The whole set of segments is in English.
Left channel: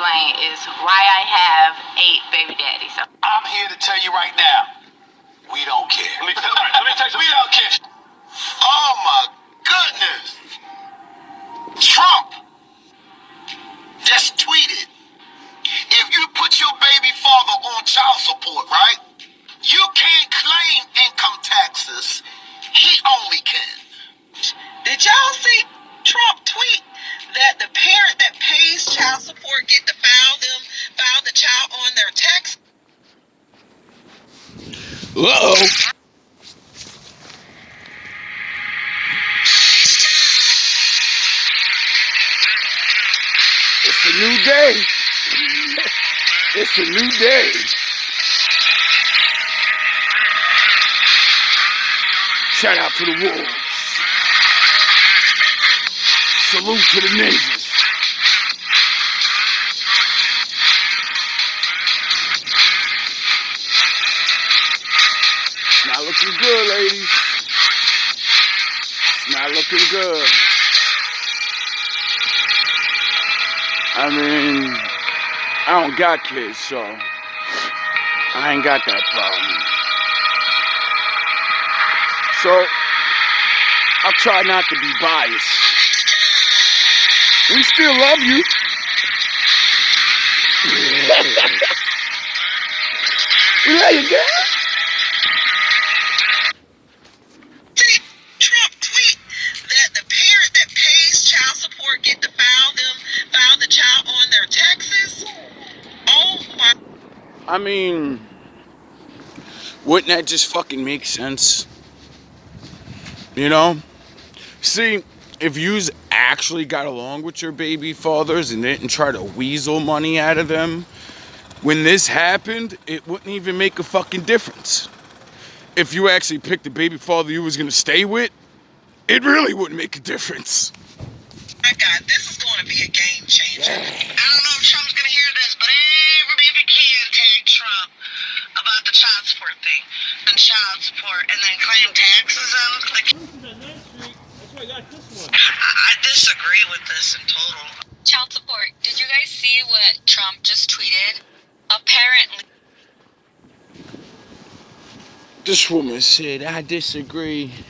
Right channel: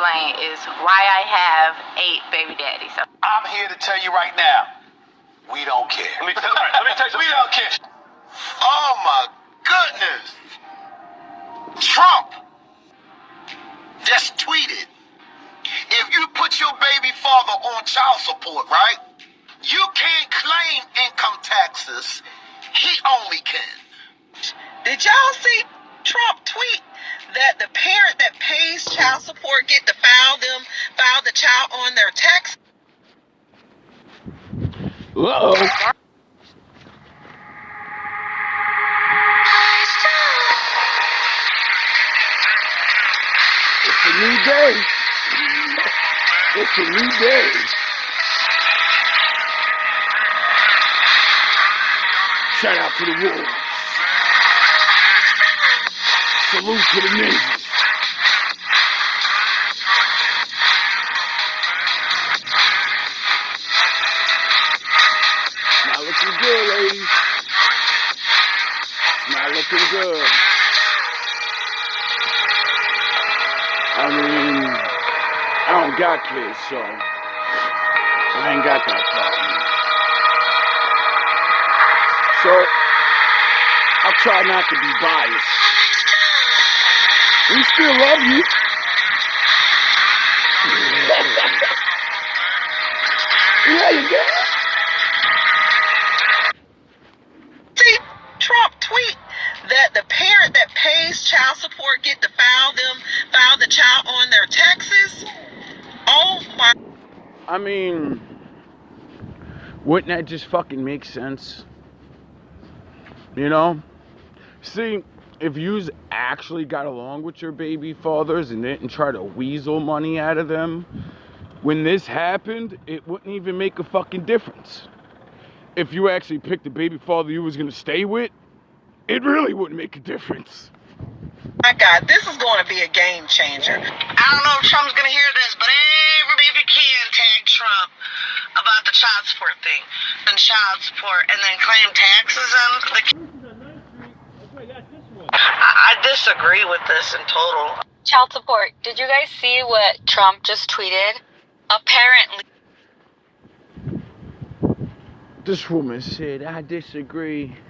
explain is why I have 8 baby daddies. I'm here to tell you right now, we don't care. Let me tell you, we don't care. Oh my goodness. Trump just tweeted, if you put your baby father on child support, right, you can't claim income taxes. He only can. Did y'all see Trump tweet that the parent that pays child support get to file the child on their tax? Uh-oh. It's a new day. It's a new day. Shout out to the wolves. Salute to the ninjas. It's not looking good, ladies. It's not looking good. I mean, I don't got kids, so I ain't got that problem. So I'll try not to be biased. We still love you. You love your girl? See Trump tweet that the parent that pays child support get to file the child on their taxes. Oh my. I mean, wouldn't that just fucking make sense? You know? See, if yous actually got along with your baby fathers and didn't try to weasel money out of them, when this happened, it wouldn't even make a fucking difference. If you actually picked the baby father you was gonna stay with, it really wouldn't make a difference. My God, this is going to be a game changer. I don't know if Trump's going to hear this, but everybody can tag Trump about the child support thing and child support and then claim taxes on. I disagree with this in total. Child support. Did you guys see what Trump just tweeted? Apparently. This woman said, I disagree.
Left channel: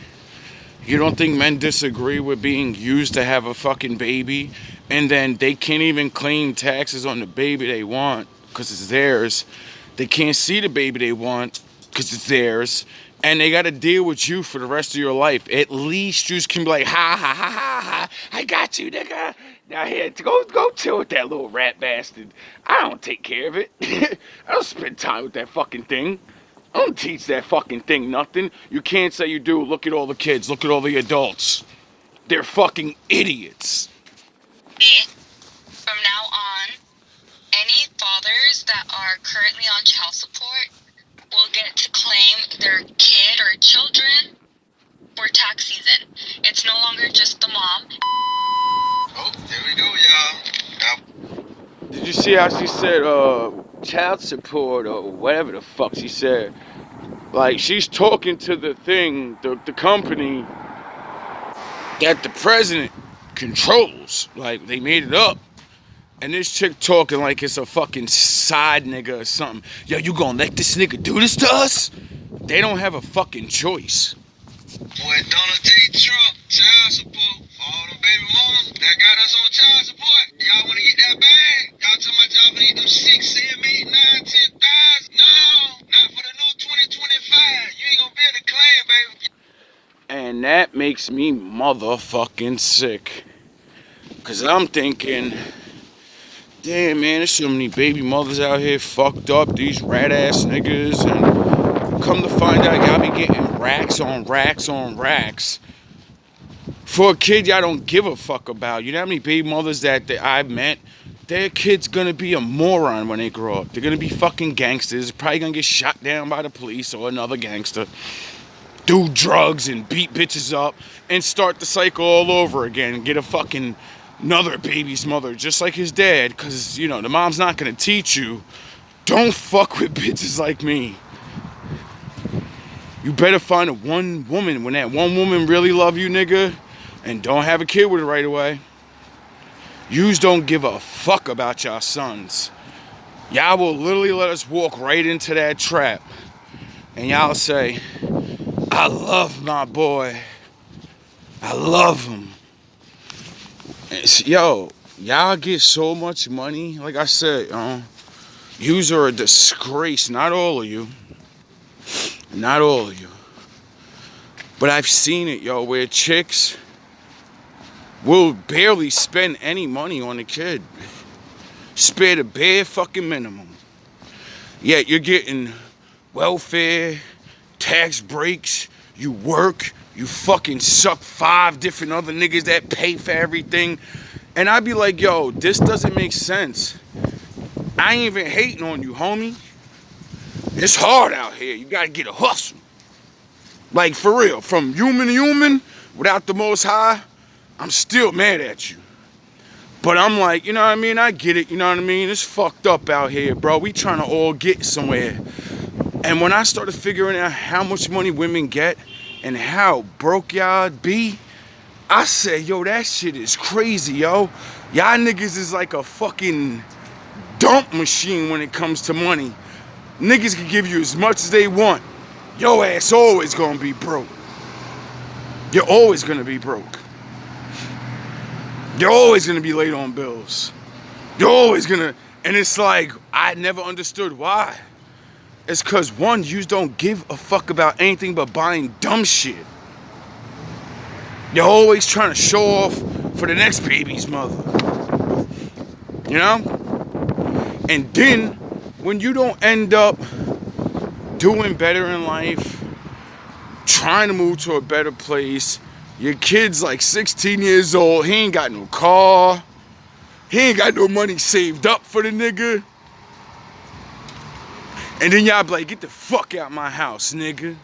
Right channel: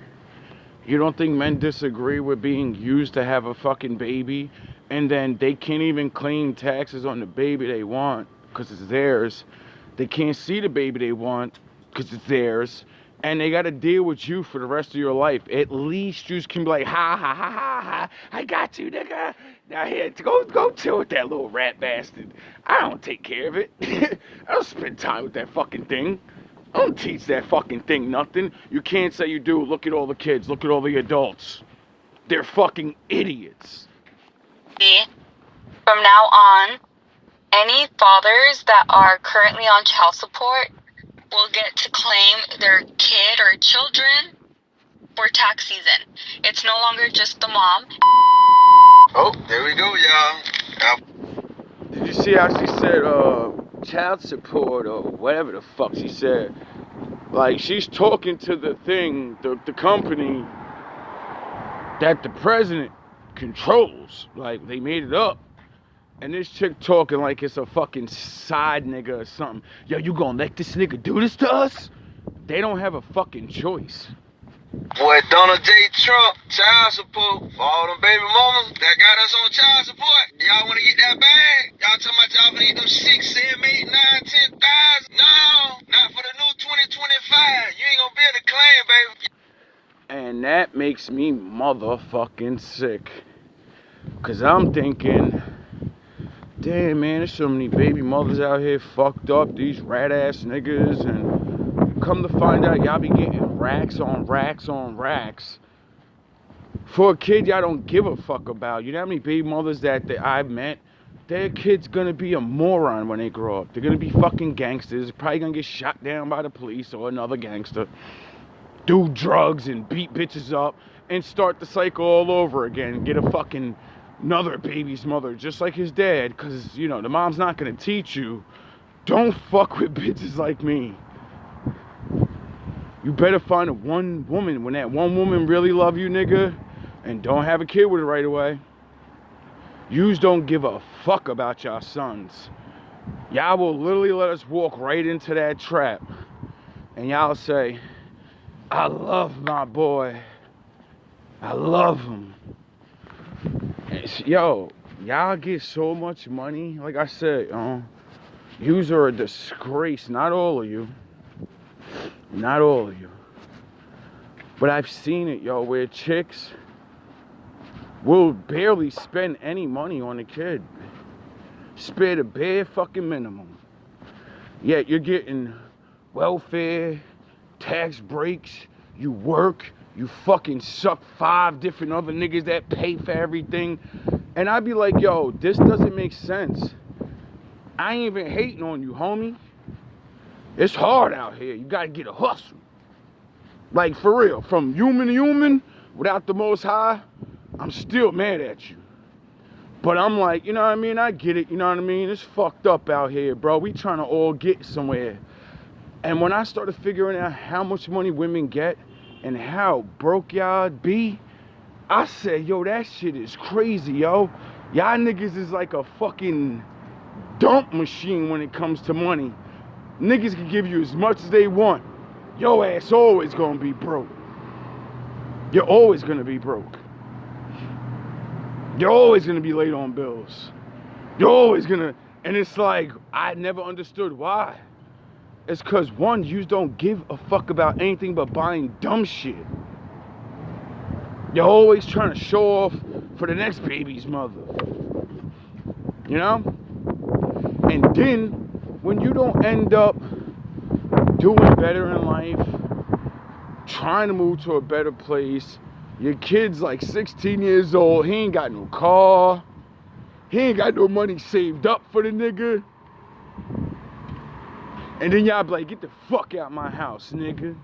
You don't think men disagree with being used to have a fucking baby, and then they can't even claim taxes on the baby they want because it's theirs. They can't see the baby they want because it's theirs, and they got to deal with you for the rest of your life. At least you can be like, ha ha ha ha ha, I got you, nigga. Now here, go chill with that little rat bastard. I don't take care of it. I don't spend time with that fucking thing. I don't teach that fucking thing nothing. You can't say you do. Look at all the kids. Look at all the adults. They're fucking idiots. From now on, any fathers that are currently on child support will get to claim their kid or children for tax season. It's no longer just the mom. Oh, there we go, y'all. Did you see how she said child support or whatever the fuck she said? Like, she's talking to the thing, the company that the president controls. Like, they made it up. And this chick talking like it's a fucking side nigga or something. Yo, you gonna let this nigga do this to us? They don't have a fucking choice. Boy, Donald J. Trump, child support for all them baby mamas that got us on child support. Y'all want to get that bag? Y'all talking about y'all gonna get them 6, 7, 8, 9, 10,000? No, not for the new 2025. You ain't gonna be able to claim, baby. And that makes me motherfucking sick. Cause I'm thinking, damn man, there's so many baby mothers out here fucked up, these rat ass niggas, and come to find out y'all be getting racks on racks on racks for a kid y'all don't give a fuck about. You know how many baby mothers that I've met? Their kid's gonna be a moron when they grow up. They're gonna be fucking gangsters, probably gonna get shot down by the police or another gangster, do drugs and beat bitches up, and start the cycle all over again and get a fucking another baby's mother just like his dad, because, you know, the mom's not gonna teach you, don't fuck with bitches like me. You better find a one woman. When that one woman really love you, nigga, and don't have a kid with her right away. Yous don't give a fuck about y'all sons. Y'all will literally let us walk right into that trap. And y'all say, I love my boy. I love him. Yo, y'all get so much money. Like I said, yous are a disgrace. Not all of you. Not all of you. But I've seen it, yo, where chicks will barely spend any money on a kid. Spare the bare fucking minimum. Yet you're getting welfare, tax breaks, you work, you fucking suck 5 different other niggas that pay for everything. And I'd be like, yo, this doesn't make sense. I ain't even hating on you, homie. It's hard out here. You gotta get a hustle. Like, for real, from human to human, without the Most High, I'm still mad at you. But I'm like, you know what I mean? I get it, you know what I mean? It's fucked up out here, bro. We trying to all get somewhere. And when I started figuring out how much money women get and how broke y'all be, I said, yo, that shit is crazy, yo. Y'all niggas is like a fucking dump machine when it comes to money. Niggas can give you as much as they want. Your ass always gonna be broke. You're always gonna be broke. You're always gonna be late on bills. You're always gonna, and it's like, I never understood why. It's cause one, you don't give a fuck about anything but buying dumb shit. You're always trying to show off for the next baby's mother. You know? And then, when you don't end up doing better in life, trying to move to a better place, your kid's like 16 years old, he ain't got no car, he ain't got no money saved up for the nigga. And then y'all be like, get the fuck out my house, nigga.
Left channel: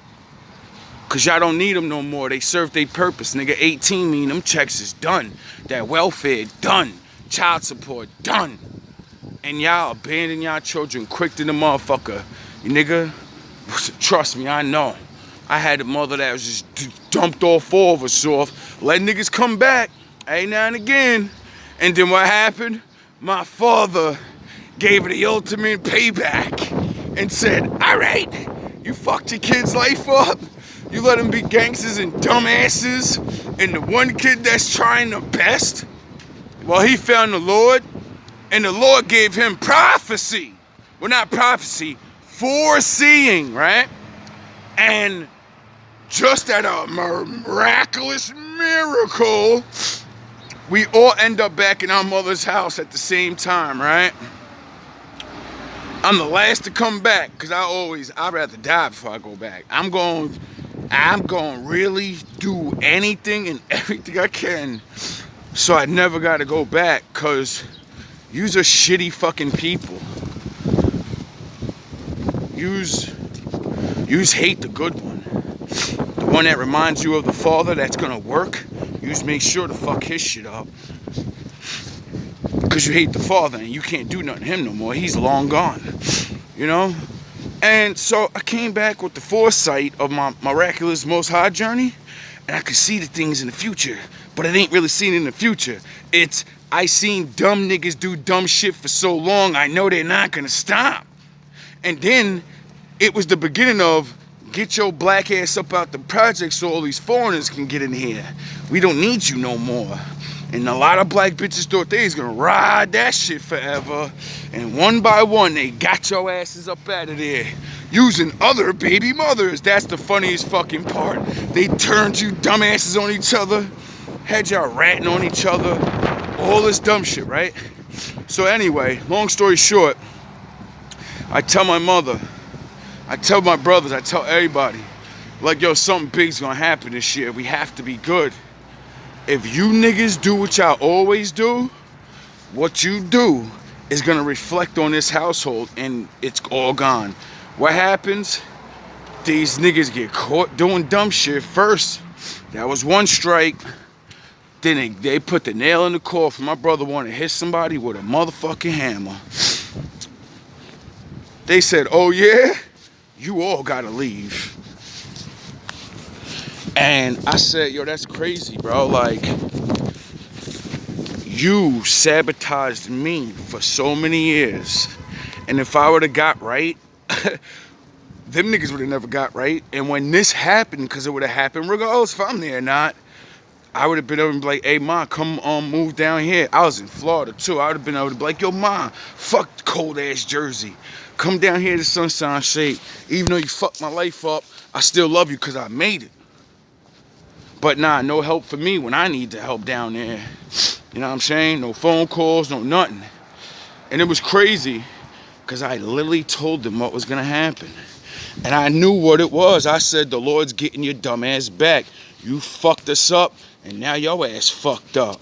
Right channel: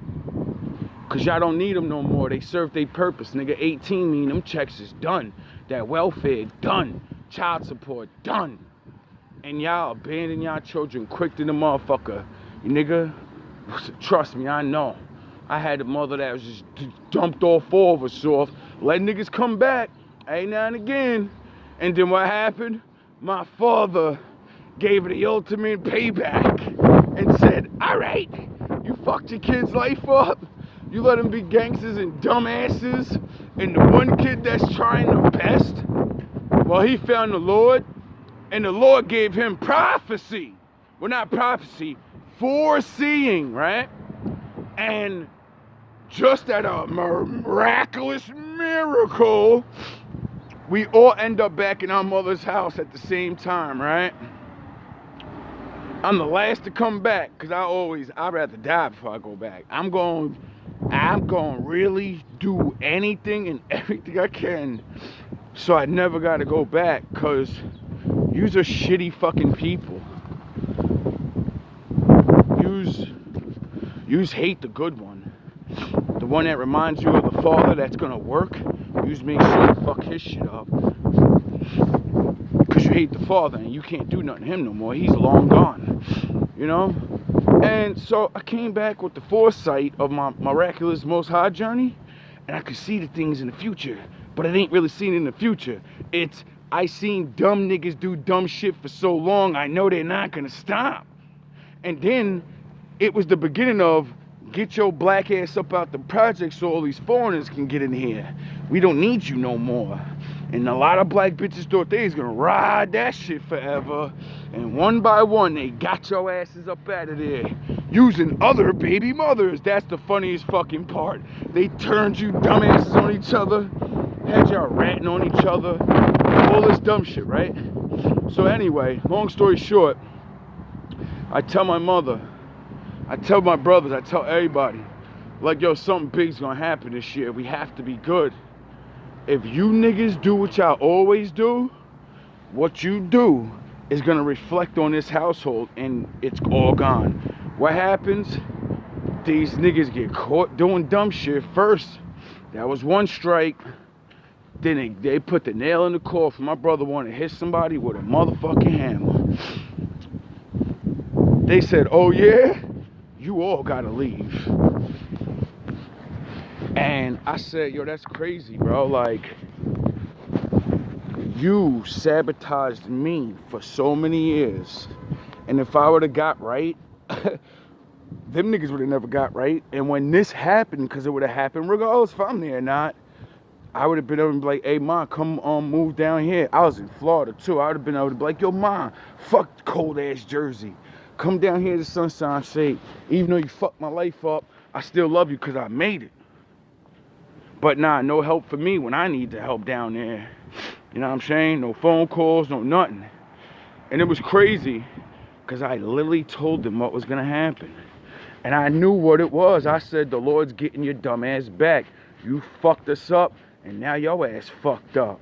Cause y'all don't need them no more. They serve their purpose, nigga. 18 mean them checks is done. That welfare, done. Child support, done. And y'all abandon y'all children quick to the motherfucker. You nigga, trust me, I know. I had a mother that was just dumped all 4 of us off, let niggas come back, every now and again. And then what happened? My father gave her the ultimate payback and said, all right, you fucked your kid's life up. You let them be gangsters and dumbasses. And the one kid that's trying the best, well, he found the Lord. And the Lord gave him prophecy. Well, not prophecy, foreseeing, right? And just at a miraculous miracle, we all end up back in our mother's house at the same time, right? I'm the last to come back because I'd rather die before I go back. I'm going to really do anything and everything I can so I never got to go back, because yous are shitty fucking people. Yous hate the good one. The one that reminds you of the father that's gonna work. Yous make sure to fuck his shit up. Because you hate the father and you can't do nothing to him no more. He's long gone. You know? And so I came back with the foresight of my miraculous Most High journey. And I could see the things in the future. But I ain't really seen it in the future. I seen dumb niggas do dumb shit for so long, I know they're not gonna stop. And then it was the beginning of get your black ass up out the projects so all these foreigners can get in here. We don't need you no more. And a lot of black bitches thought they was gonna ride that shit forever. And one by one, they got your asses up out of there. Using other baby mothers. That's the funniest fucking part. They turned you dumbasses on each other. Had y'all ratting on each other. All this dumb shit, right? So anyway, long story short, I tell my mother, I tell my brothers, I tell everybody, like, yo, something big's gonna happen this year. We have to be good. If you niggas do what y'all always do, what you do is gonna reflect on this household, and it's all gone. What happens? These niggas get caught doing dumb shit first. That was one strike. Then they put the nail in the coffin. My brother wanted to hit somebody with a motherfucking hammer. They said, oh yeah? You all gotta leave. And I said, yo, that's crazy, bro. Like, You sabotaged me for so many years. And if I would have got right, them niggas would have never got right. And when this happened, because it would have happened regardless if I'm there or not, I would have been able to be like, hey, Ma, come move down here. I was in Florida, too. I would have been able to be like, yo, Ma, fuck cold-ass Jersey. Come down here to Sunshine State. Even though you fucked my life up, I still love you because I made it. But nah, no help for me when I need the help down there. You know what I'm saying? No phone calls, no nothing. And it was crazy because I literally told them what was going to happen. And I knew what it was. I said, the Lord's getting your dumb ass back. You fucked us up, and now your ass fucked up.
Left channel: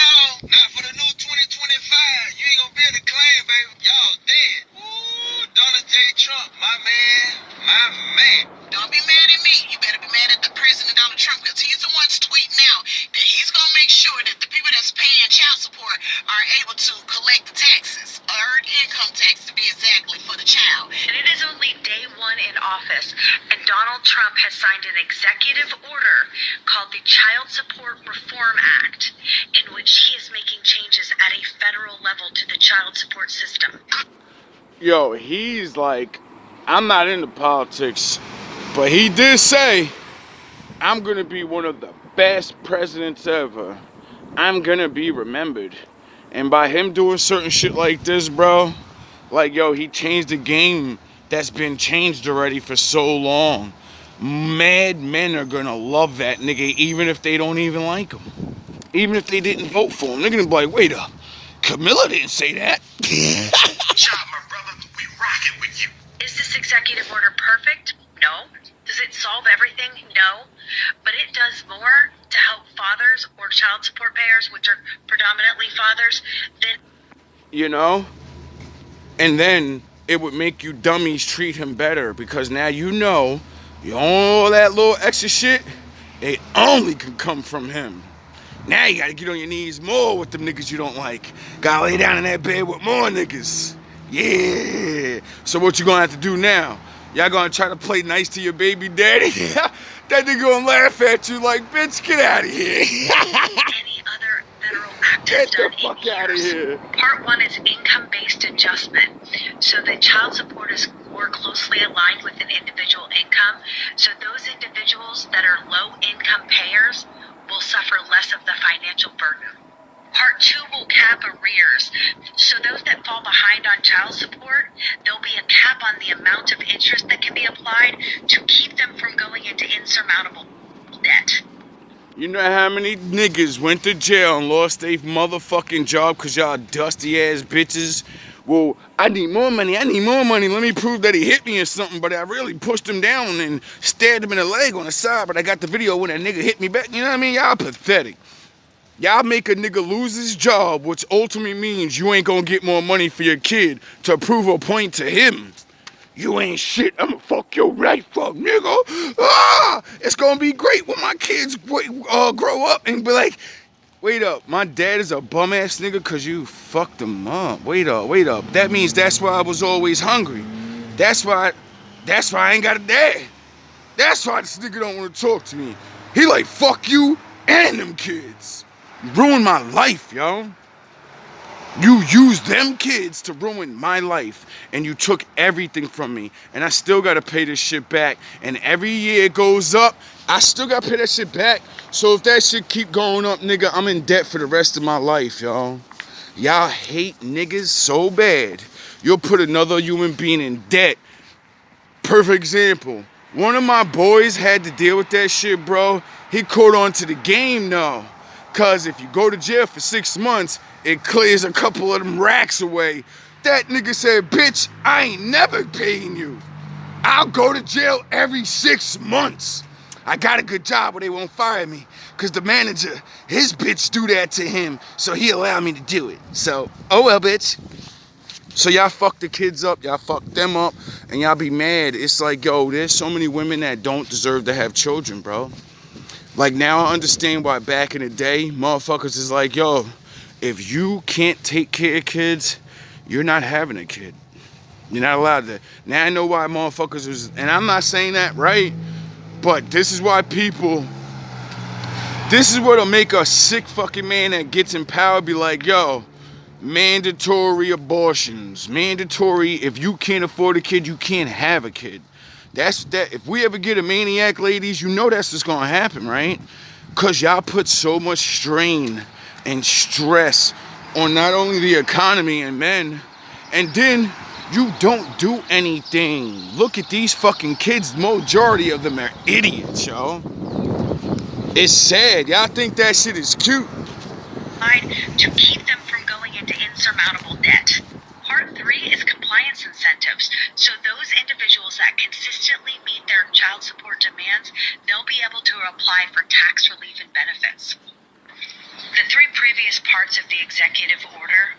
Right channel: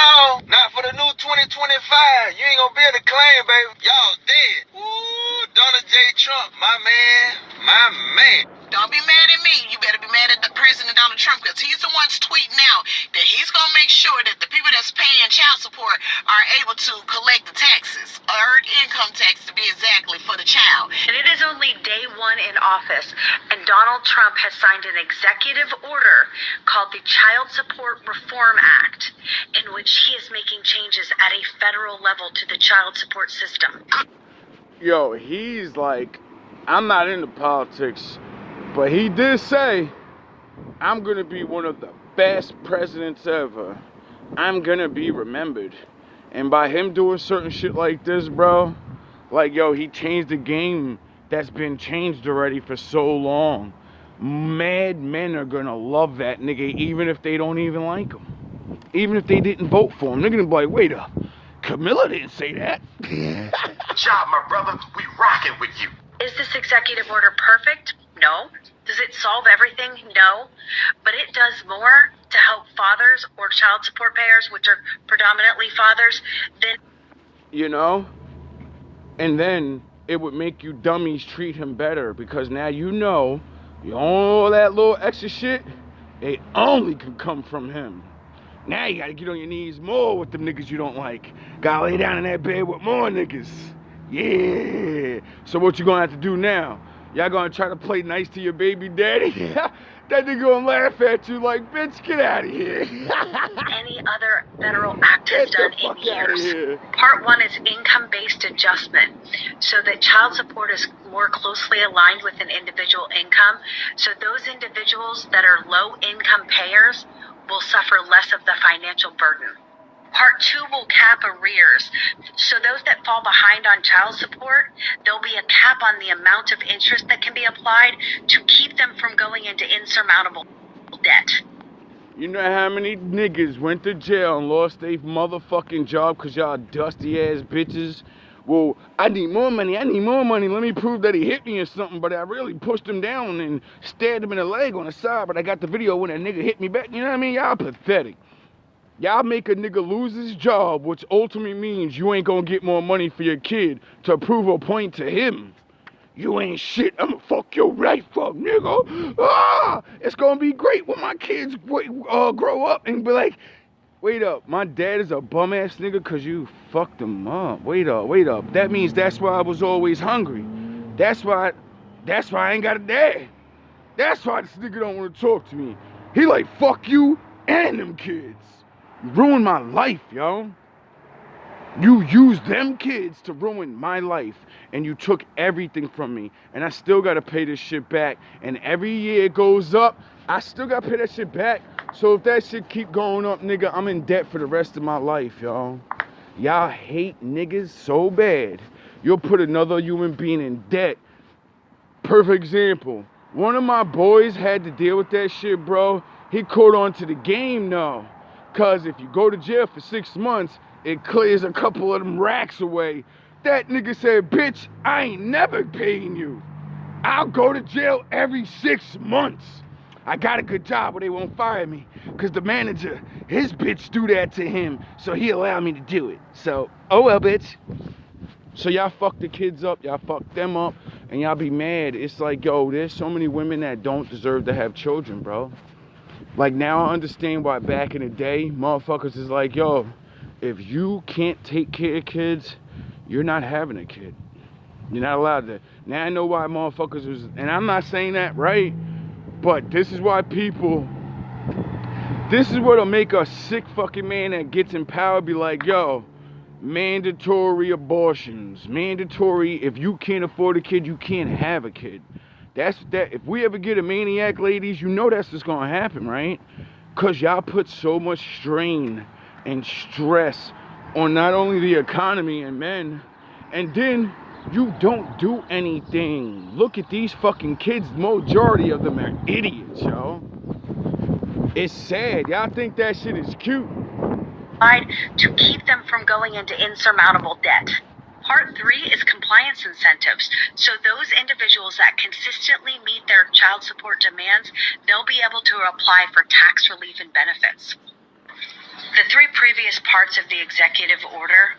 Oh, not for the new 2025. You ain't gonna be able to claim, baby. Y'all dead. Ooh, Donald J. Trump, my man, my man. Don't be mad at me. You better be mad at the President Donald Trump, because he's the one's tweeting out that he's going to make sure that the people that's paying child support are able to collect the taxes, earned income tax to be exactly, for the child. And it is only day one in office, and Donald Trump has signed an executive order called the Child Support Reform Act, in which he is making changes at a federal level to the child support system. Yo, he's like, I'm not into politics, but he did say, I'm going to be one of the best presidents ever. I'm going to be remembered. And by him doing certain shit like this, bro, like, yo, he changed the game that's been changed already for so long. Mad men are going to love that nigga, even if they don't even like him. Even if they didn't vote for him. They're going to be like, wait up, Camilla didn't say that. Good job, my brother. We rocking with you. Is this executive order perfect? No. Does it solve everything? No. But it does more to help fathers or child support payers, which are predominantly fathers, than... You know? And then it would make you dummies treat him better, because now you know all that little extra shit, it only can come from him. Now you gotta get on your knees more with them niggas you don't like. Gotta lay down in that bed with more niggas. Yeah. So what you gonna have to do now? Y'all gonna try to play nice to your baby daddy? That nigga gonna laugh at you like, bitch, get out of here. any other federal act has done in years. Part 1 is income-based adjustment, so that child support is more closely aligned with an individual income. So those individuals that are low-income payers will suffer less of the financial burden. Part 2 will cap arrears. So those that fall behind on child support, there'll be a cap on the amount of interest that can be applied to keep them from going into insurmountable debt. You know how many niggas went to jail and lost their motherfucking job because y'all dusty ass bitches? Well, I need more money. Let me prove that he hit me or something. But I really pushed him down and stabbed him in the leg on the side. But I got the video when that nigga hit me back. You know what I mean? Y'all pathetic. Y'all make a nigga lose his job, which ultimately means you ain't gonna get more money for your kid to prove a point to him. You ain't shit. I'ma fuck your life up, nigga. It's gonna be great when my kids grow up and be like, wait up, my dad is a bum ass nigga because you fucked him up. Wait up. That means that's why I was always hungry. That's why I ain't got a dad. That's why this nigga don't want to talk to me. He like, fuck you and them kids. You ruined my life, yo. You used them kids to ruin my life, and you took everything from me, and I still gotta pay this shit back. And every year it goes up, I still gotta pay that shit back. So if that shit keep going up, nigga, I'm in debt for the rest of my life, y'all. Y'all hate niggas so bad, you'll put another human being in debt. Perfect example. One of my boys had to deal with that shit, bro. He caught on to the game now. Cause if you go to jail for 6 months, it clears a couple of them racks away. That nigga said, bitch, I ain't never paying you. I'll go to jail every 6 months. I got a good job where they won't fire me. Cause the manager, his bitch do that to him, so he allowed me to do it. So, oh well, bitch. So y'all fuck the kids up, y'all fuck them up, and y'all be mad. It's like, yo, there's so many women that don't deserve to have children, bro. Like, now I understand why back in the day, motherfuckers is like, yo, if you can't take care of kids, you're not having a kid. You're not allowed to. Now I know why motherfuckers was, and I'm not saying that right, but this is why people This is what'll make a sick fucking man that gets in power be like, yo, mandatory abortions. Mandatory, if you can't afford a kid, you can't have a kid. That's that. If we ever get a maniac, ladies, you know that's just gonna happen, right? Cause y'all put so much strain and stress on not only the economy and men, and then you don't do anything. Look at these fucking kids. Majority of them are idiots, yo. It's sad. Y'all think that shit is cute. To keep them from going into insurmountable debt. Part 3 is compliance incentives. So those individuals that consistently meet their child support demands, they'll be able to apply for tax relief and benefits. The 3 previous parts of the executive order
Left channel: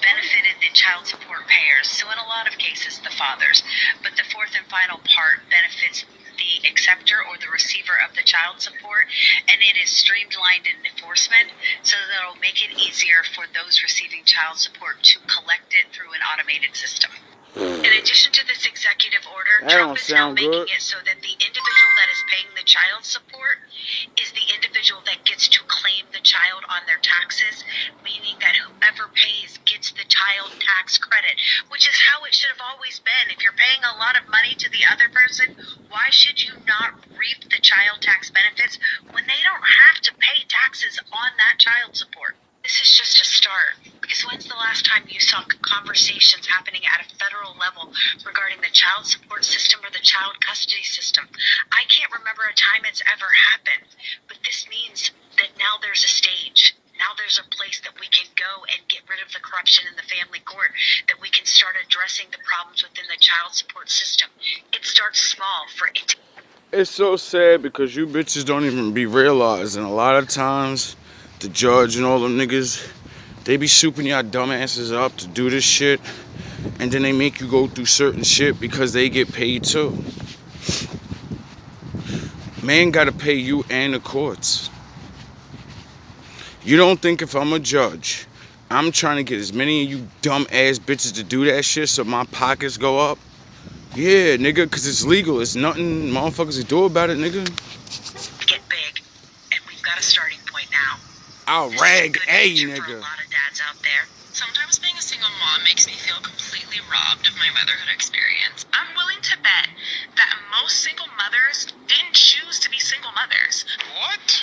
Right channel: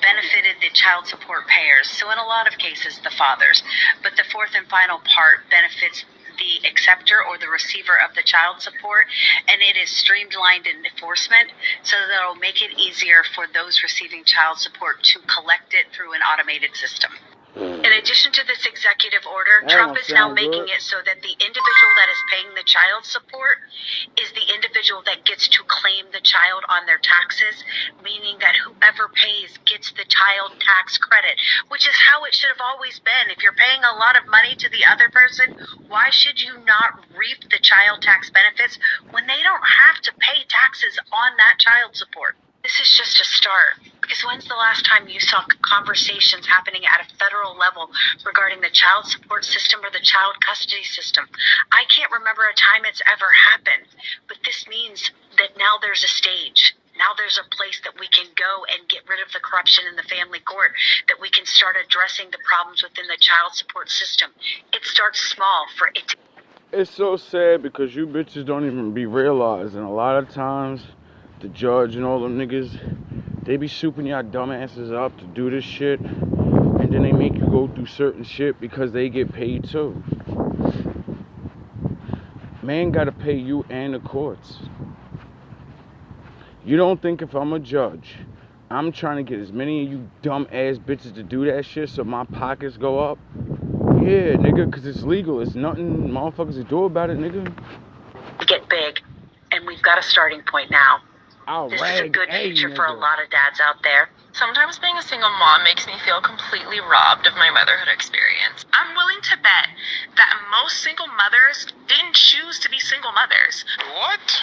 benefited the child support payers, so in a lot of cases the fathers. But the 4th and final part benefits the acceptor or the receiver of the child support, and it is streamlined in enforcement so that it'll make it easier for those receiving child support to collect it through an automated system. In addition to this executive order, Trump is now making it so that the individual that is paying the child support is the individual that gets to claim the child on their taxes, meaning that whoever pays gets the child tax credit, which is how it should have always been. If you're paying a lot of money to the other person, why should you not reap the child tax benefits when they don't have to pay taxes on that child support? This is just a start, because when's the last time you saw conversations happening at a federal level regarding the child support system or the child custody system? I can't remember a time it's ever happened, but this means that now there's a stage. Now there's a place that we can go and get rid of the corruption in the family court, that we can start addressing the problems within the child support system. It starts small for it to... It's so sad because you bitches don't even be realizing a lot of times the judge and all them niggas, they be souping y'all dumbasses up to do this shit, and then they make you go through certain shit because they get paid too. Man gotta pay you and the courts. You don't think if I'm a judge, I'm trying to get as many of you dumb ass bitches to do that shit so my pockets go up? Yeah, nigga, cause it's legal. It's nothing motherfuckers can do about it, nigga. get big, and we've got a starting point now. I'll This rag is a good future for a nigga. lot of dads out there. Sometimes being a single mom makes me feel completely robbed of my motherhood experience. I'm willing to bet that most single mothers didn't choose to be single mothers. What?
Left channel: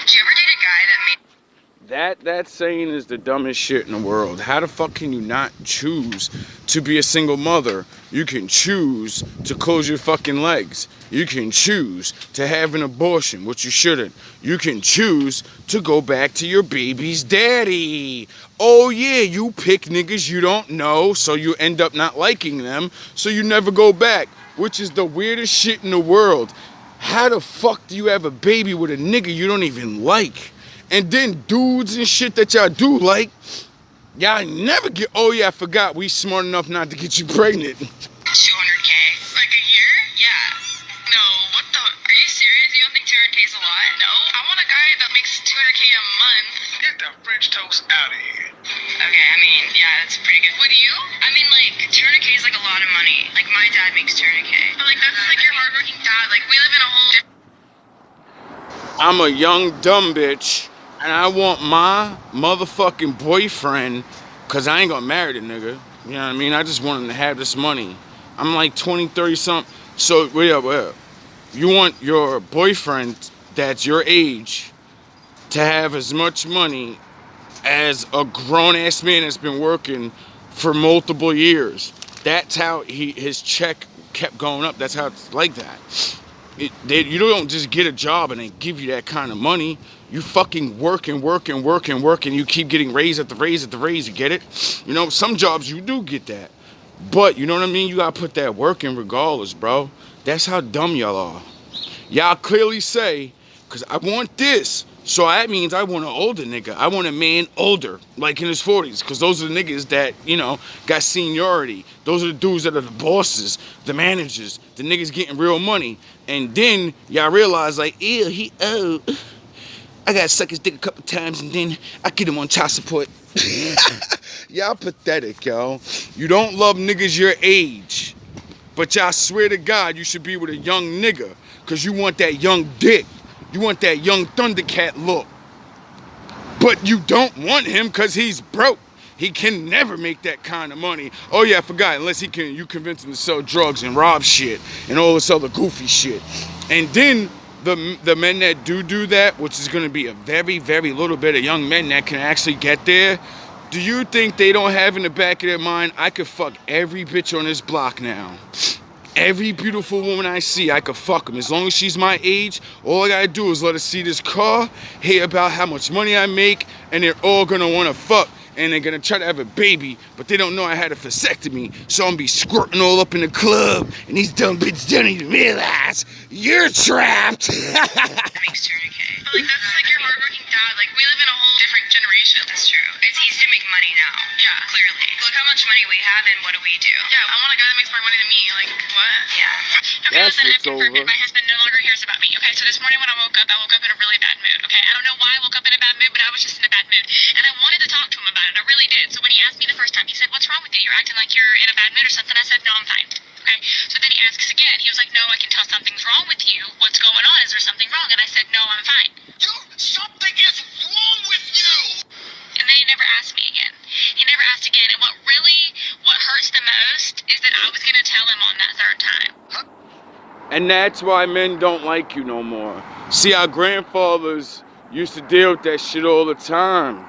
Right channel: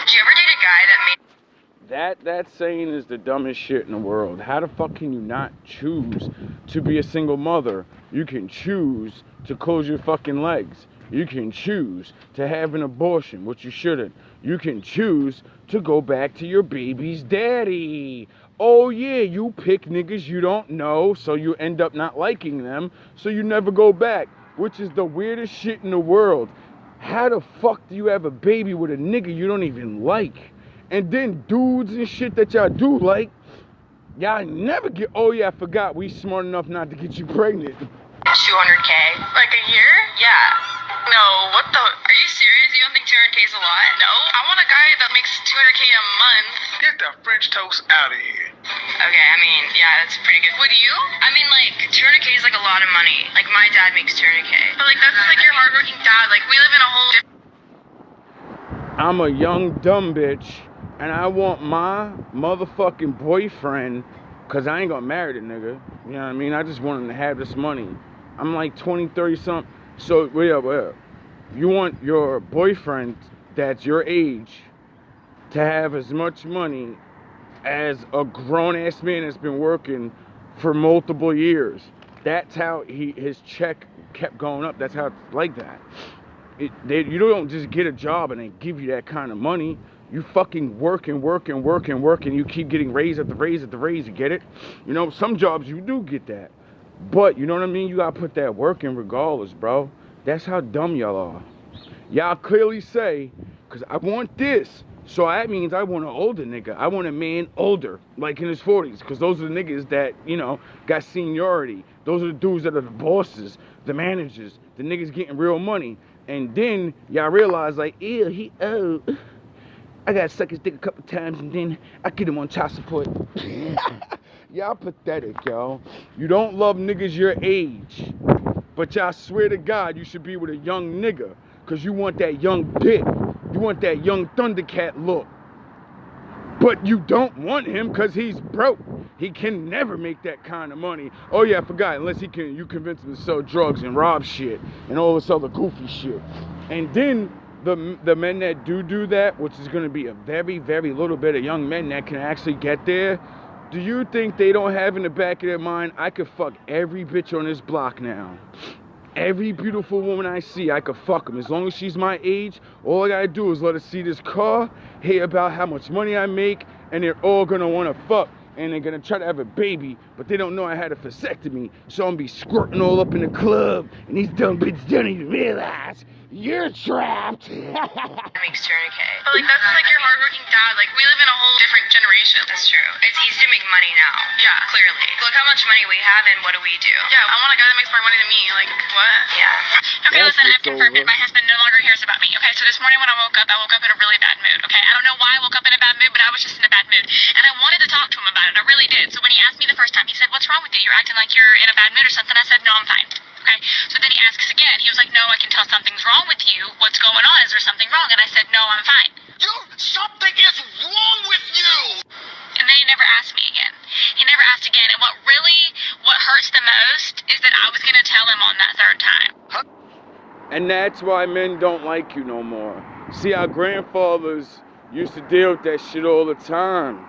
Did you ever date a guy that made That saying is the dumbest shit in the world. How the fuck can you not choose to be a single mother? You can choose to close your fucking legs. You can choose to have an abortion, which you shouldn't. You can choose to go back to your baby's daddy. Oh yeah, you pick niggas you don't know, so you end up not liking them, so you never go back, which is the weirdest shit in the world. How the fuck do you have a baby with a nigga you don't even like? And then dudes and shit that y'all do like, y'all never get, oh yeah, I forgot, we smart enough not to get you pregnant. 200K? Like a year? Yeah. No, what the? Are you serious? You don't think 200K is a lot? No. I want a guy that makes 200K a month. Get the French toast out of here. Okay, I mean, yeah, that's pretty good. Would you? I mean, like, 200K is like a lot of money. Like, my dad makes 200K. But, like, that's like your hardworking dad. Like, we live in a whole different... I'm a young dumb bitch, and I want my motherfucking boyfriend, cause I ain't gonna marry the nigga. You know what I mean? I just want him to have this money. I'm like 20, 30 something. So, well, you want your boyfriend that's your age to have as much money as a grown-ass man that's been working for multiple years. That's how his check kept going up. That's how it's like that. You don't just get a job and they give you that kind of money. You fucking work and you keep getting raise at the raise, you get it? You know, some jobs you do get that. But, you know what I mean? You gotta put that work in regardless, bro. That's how dumb y'all are. Y'all clearly say, because I want this, so that means I want an older nigga. I want a man older, like in his 40s, because those are the niggas that, you know, got seniority. Those are the dudes that are the bosses, the managers, the niggas getting real money. And then y'all realize, like, ew, he old. I gotta suck his dick a couple times and then I get him on child support. Y'all pathetic, yo. You don't love niggas your age. But y'all swear to God you should be with a young nigga, because you want that young dick. You want that young Thundercat look. But you don't want him because he's broke. He can never make that kind of money. Oh yeah, I forgot, unless you convince him to sell drugs and rob shit and all this other goofy shit. And then the men that do that, which is going to be a very, very little bit of young men that can actually get there, do you think they don't have in the back of their mind, I could fuck every bitch on this block now? Every beautiful woman I see, I could fuck them. As long as she's my age, all I gotta do is let her see this car, hear about how much money I make, and they're all gonna wanna fuck. And they're gonna try to have a baby, but they don't know I had a vasectomy, so I'm gonna be squirting all up in the club, and these dumb bitches don't even realize you're trapped. Makes tourniquet. But like that's like your hardworking dad. Like we live in a whole different generation. That's true. It's easy to make money now. Yeah. Clearly. Look how much money we have and what do we do? Yeah, I want a guy that makes more money than me. Like what? Yeah. Okay, That's listen, I've what's confirmed over. it. My husband no longer cares about me. Okay, so this morning when I woke up in a really bad mood. Okay, I don't know why I woke up in a bad mood, but I was just in a bad mood, and I wanted to talk to him about it. I really did. So when he asked me the first time, he said, "What's wrong with you? You're acting like you're in a bad mood or something." I said, "No, I'm fine." Okay, so then he asks again. He was like, "No, I can tell something's wrong with you. What's going on? Is there something wrong?" And I said, "No, I'm fine." Something is wrong with you. And then he never asked me again. He never asked again. And what hurts the most is that I was gonna tell him on that third time. And that's why men don't like you no more. See, our grandfathers used to deal with that shit all the time.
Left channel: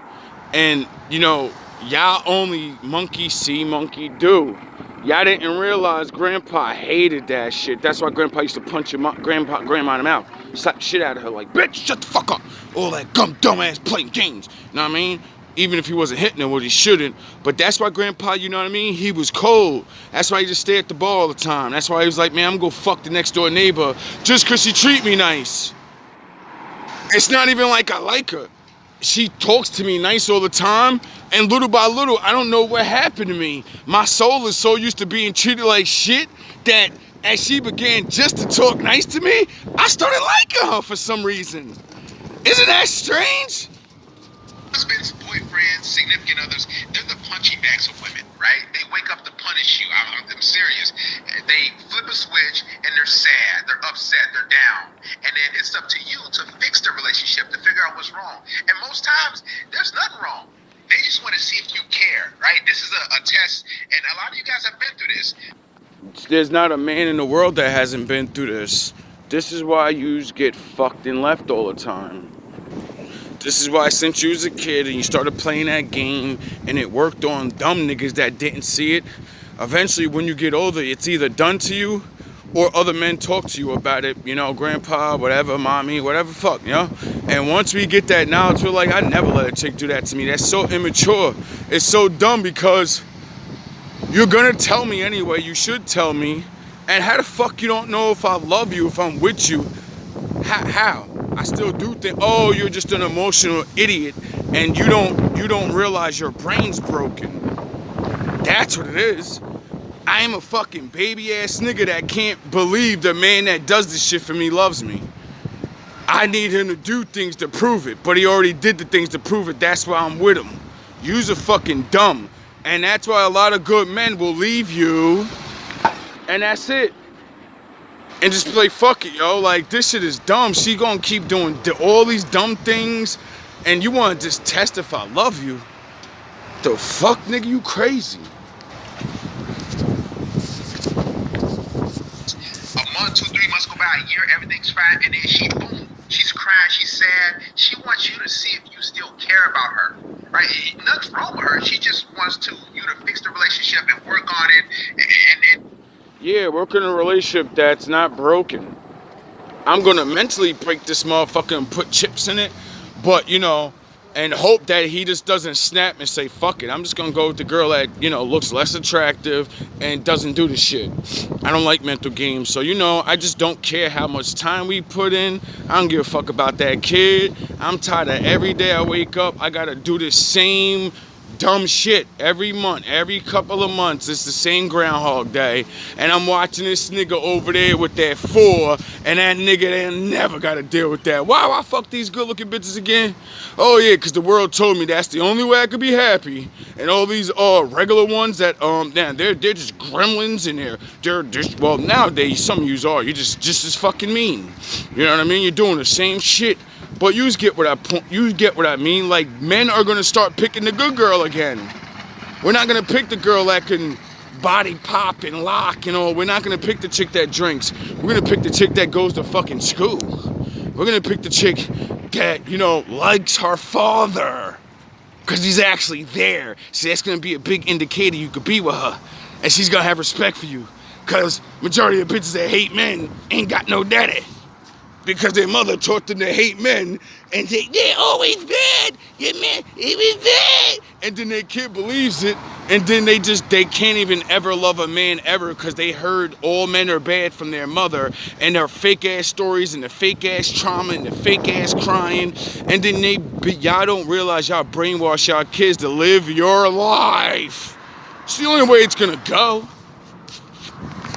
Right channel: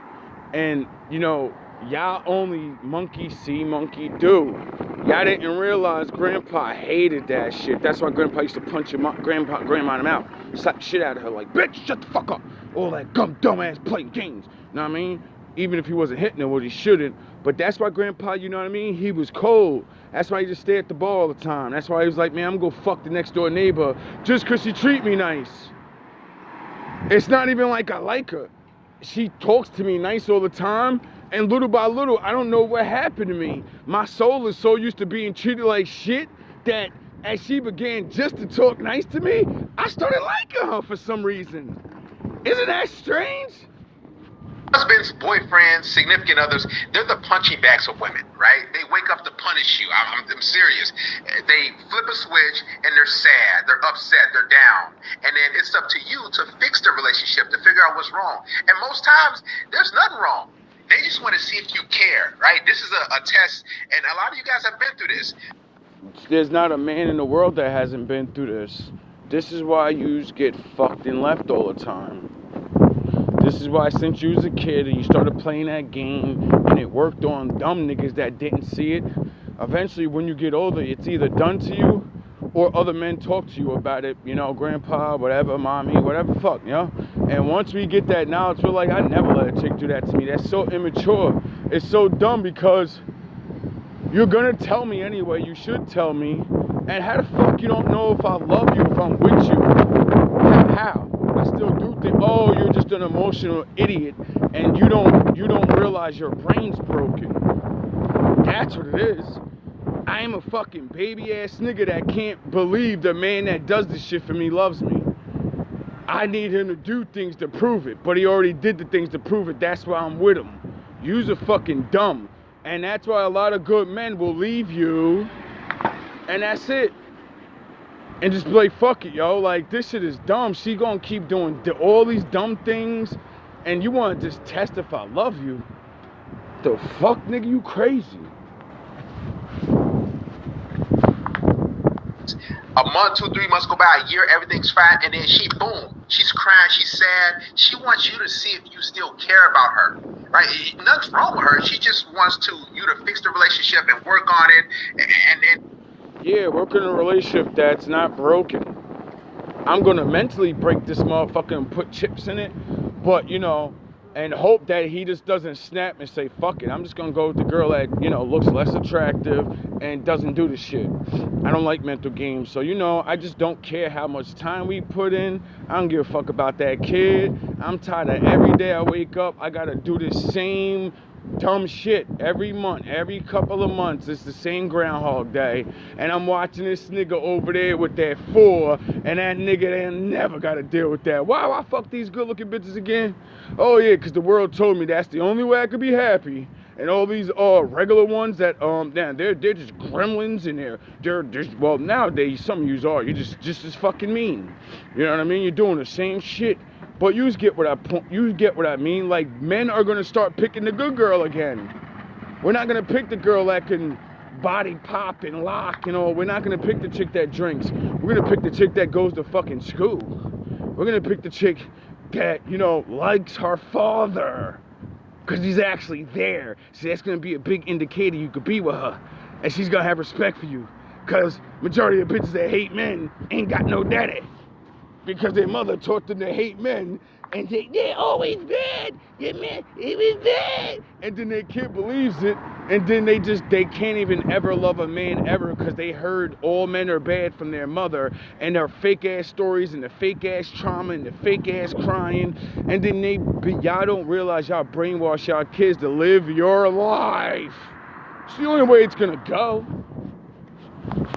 And, you know, y'all only monkey see, monkey do. Y'all didn't realize Grandpa hated that shit. That's why Grandpa used to punch grandma in the mouth. Slap the shit out of her like, bitch, shut the fuck up. All that dumbass playing games. You know what I mean? Even if he wasn't hitting her, what he shouldn't. But that's why Grandpa, you know what I mean? He was cold. That's why he just stayed at the bar all the time. That's why he was like, man, I'm gonna go fuck the next door neighbor just cause she treat me nice. It's not even like I like her. She talks to me nice all the time, and little by little, I don't know what happened to me. My soul is so used to being treated like shit that as she began just to talk nice to me, I started liking her for some reason. Isn't that strange? Husbands, boyfriends, significant others, they're the punching bags of women, right? They wake up to punish you. I'm serious. They flip a switch and they're sad, they're upset, they're down. And then it's up to you to fix the relationship, to figure out what's wrong. And most times, there's nothing wrong. They just want to see if you care, right? This is a test, and a lot of you guys have been through this. There's not a man in the world that hasn't been through this. This is why yous get fucked and left all the time. This is why since you was a kid and you started playing that game and it worked on dumb niggas that didn't see it, eventually when you get older, it's either done to you or other men talk to you about it, you know, grandpa, whatever, mommy, whatever, fuck, you know? And once we get that knowledge, we're like, I never let a chick do that to me. That's so immature. It's so dumb because you're gonna tell me anyway. You should tell me. And how the fuck you don't know if I love you, if I'm with you? How? I still do think, oh, you're just an emotional idiot and you don't realize your brain's broken. That's what it is. I am a fucking baby ass nigga that can't believe the man that does this shit for me loves me. I need him to do things to prove it, but he already did the things to prove it. That's why I'm with him. You's a fucking dumb. And that's why a lot of good men will leave you and that's it. And just be like, fuck it, yo. Like, this shit is dumb. She gonna keep doing all these dumb things. And you wanna just test if I love you. The fuck, nigga? You crazy. A month, 2, 3 months go by, a year, everything's fine, and then boom, she's crying, she's sad. She wants you to see if you still care about her, right? Nothing's wrong with her. She just wants you to fix the relationship and work on it, and yeah, work in a relationship that's not broken. I'm gonna mentally break this motherfucker and put chips in it, but you know, and hope that he just doesn't snap and say, fuck it, I'm just gonna go with the girl that, you know, looks less attractive and doesn't do the shit. I don't like mental games, so you know, I just don't care how much time we put in. I don't give a fuck about that kid. I'm tired of every day I wake up, I gotta do the same dumb shit every month, every couple of months. It's the same Groundhog Day, and I'm watching this nigga over there with that 4, and that nigga ain't never got to deal with that. Why I fuck these good-looking bitches again? Oh yeah, because the world told me that's the only way I could be happy. And all these regular ones that they're just gremlins, and they're just, well, nowadays some of yous are. You're just as fucking mean. You know what I mean? You're doing the same shit. But you get what I mean. Like, men are gonna start picking the good girl again. We're not gonna pick the girl that can body pop and lock, you know. We're not gonna pick the chick that drinks. We're gonna pick the chick that goes to fucking school. We're gonna pick the chick that, you know, likes her father, because he's actually there. See, that's gonna be a big indicator you could be with her, and she's gonna have respect for you, because majority of bitches that hate men ain't got no daddy. Because their mother taught them to hate men and say, they're always bad. Your man, he was bad. And then their kid believes it, and then they can't even ever love a man ever because they heard all men are bad from their mother and their fake ass stories and the fake ass trauma and the fake ass crying. And then y'all don't realize y'all brainwash y'all kids to live your life. It's the only way it's gonna go.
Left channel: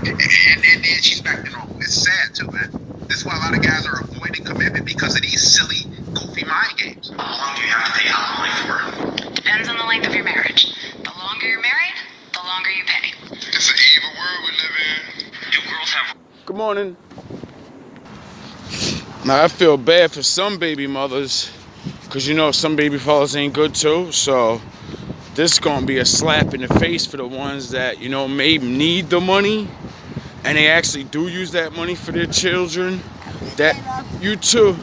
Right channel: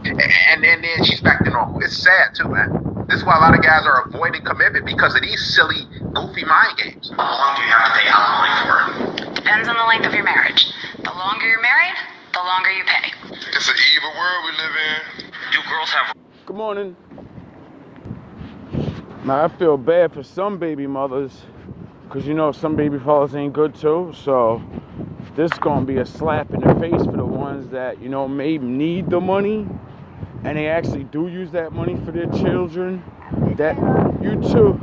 And then she's back to normal. It's sad too, man. This is why a lot of guys are avoiding commitment, because of these silly, goofy mind games. How long do you have to pay alimony for? Depends on the length of your marriage. The longer you're married, the longer you pay. It's an evil world we live in. Do girls have... Good morning. Now, I feel bad for some baby mothers, because, you know, some baby fathers ain't good too. So this is going to be a slap in the face for the ones that, you know, may need the money, and they actually do use that money for their children. That, you too,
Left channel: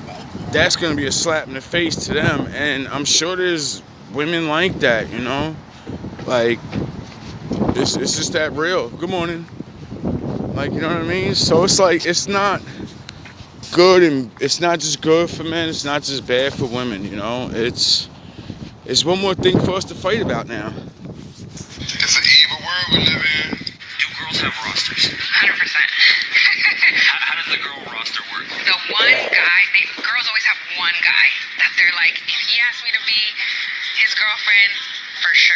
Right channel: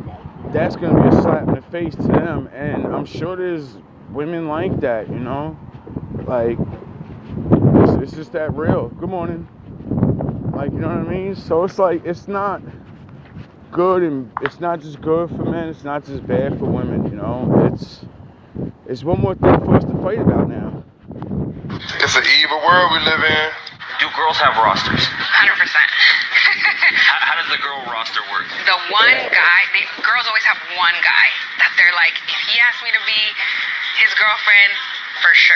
that's going to be a slap in the face to them. And I'm sure there's women like that, you know? Like, it's just that real. Good morning. Like, you know what I mean? So it's like, it's not good, and it's not just good for men, it's not just bad for women, you know? It's one more thing for us to fight about now. It's an evil world we live in. Do girls have rosters? 100%. How does the girl roster work? The one guy, girls always have one guy that they're like, if he asked me to be his girlfriend, for sure.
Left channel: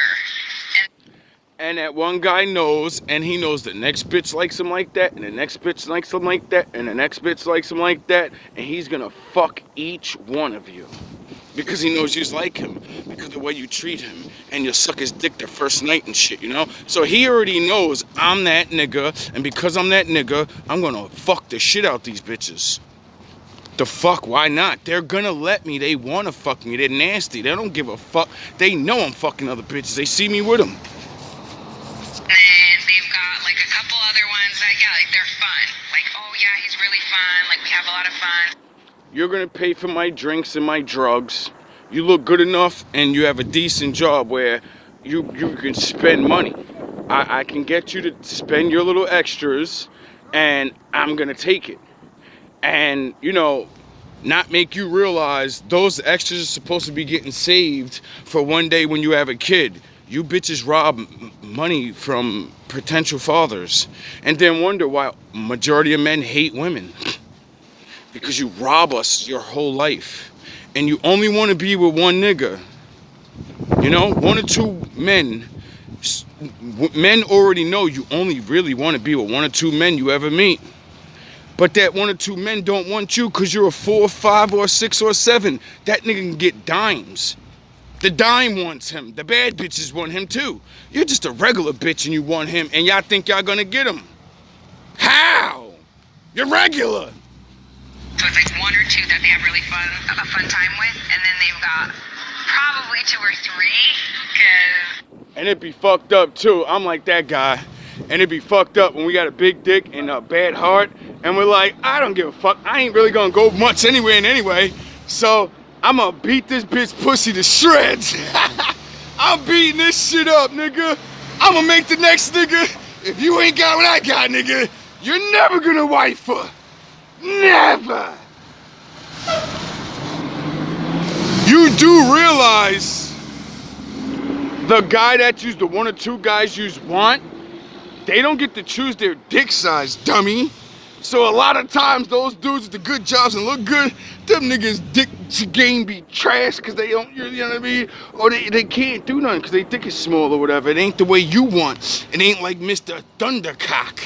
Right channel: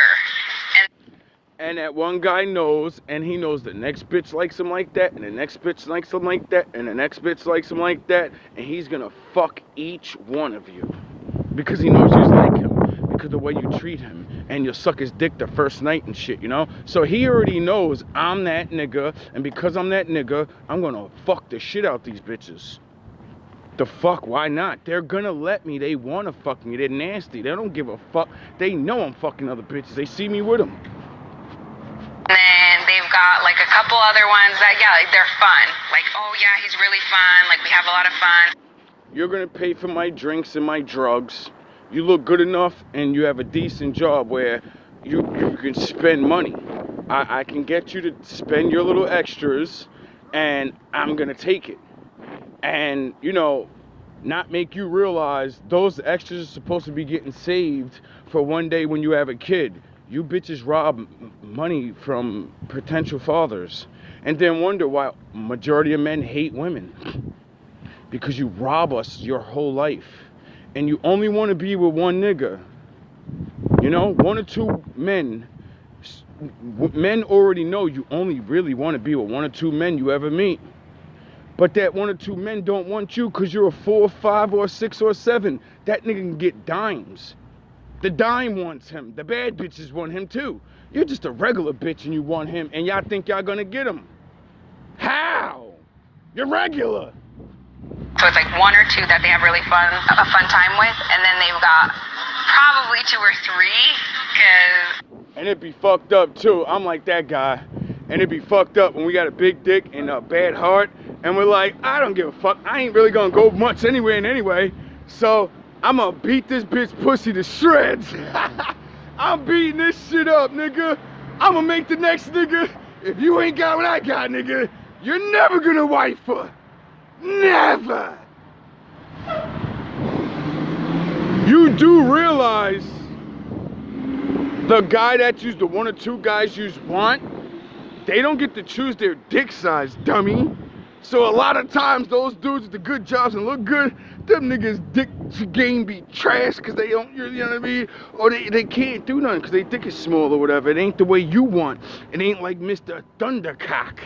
And that one guy knows, and he knows the next bitch likes him like that, and the next bitch likes him like that, and the next bitch likes him like that, and he's gonna fuck each one of you. Because he knows you like him, because of the way you treat him, and you'll suck his dick the first night and shit, you know? So he already knows I'm that nigga, and because I'm that nigga, I'm gonna fuck the shit out these bitches. The fuck, why not? They're gonna let me, they wanna fuck me, they're nasty, they don't give a fuck. They know I'm fucking other bitches, they see me with them. And they've got like a couple other ones that, yeah, like, they're fun. Like, oh yeah, he's really fun. Like, we have a lot of fun. You're gonna pay for my drinks and my drugs. You look good enough and you have a decent job where you can spend money. I can get you to spend your little extras, and I'm gonna take it. And, you know, not make you realize those extras are supposed to be getting saved for one day when you have a kid. You bitches rob money from potential fathers and then wonder why majority of men hate women. Because you rob us your whole life. And you only want to be with one nigga. You know, one or two men. Men already know you only really want to be with one or two men you ever meet. But that one or two men don't want you because you're a 4, 5, or 6, or 7. That nigga can get dimes. The dime wants him. The bad bitches want him too. You're just a regular bitch and you want him, and y'all think y'all gonna get him. How? You're regular. So it's like one or two that they have really a fun time with, and then they've got probably 2 or 3, because... And it'd be fucked up too. I'm like that guy. And it'd be fucked up when we got a big dick and a bad heart, and we're like, I don't give a fuck. I ain't really gonna go much anyway. So I'm gonna beat this bitch pussy to shreds. I'm beating this shit up, nigga. I'm gonna make the next nigga. If you ain't got what I got, nigga, you're never gonna wife her. Never. You do realize the guy that the one or two guys you want, they don't get to choose their dick size, dummy. So a lot of times those dudes with the good jobs and look good, them niggas dick game be trash because they don't, you know what I mean? Or they can't do nothing because they dick is small or whatever. It ain't the way you want. It ain't like Mr. Thundercock.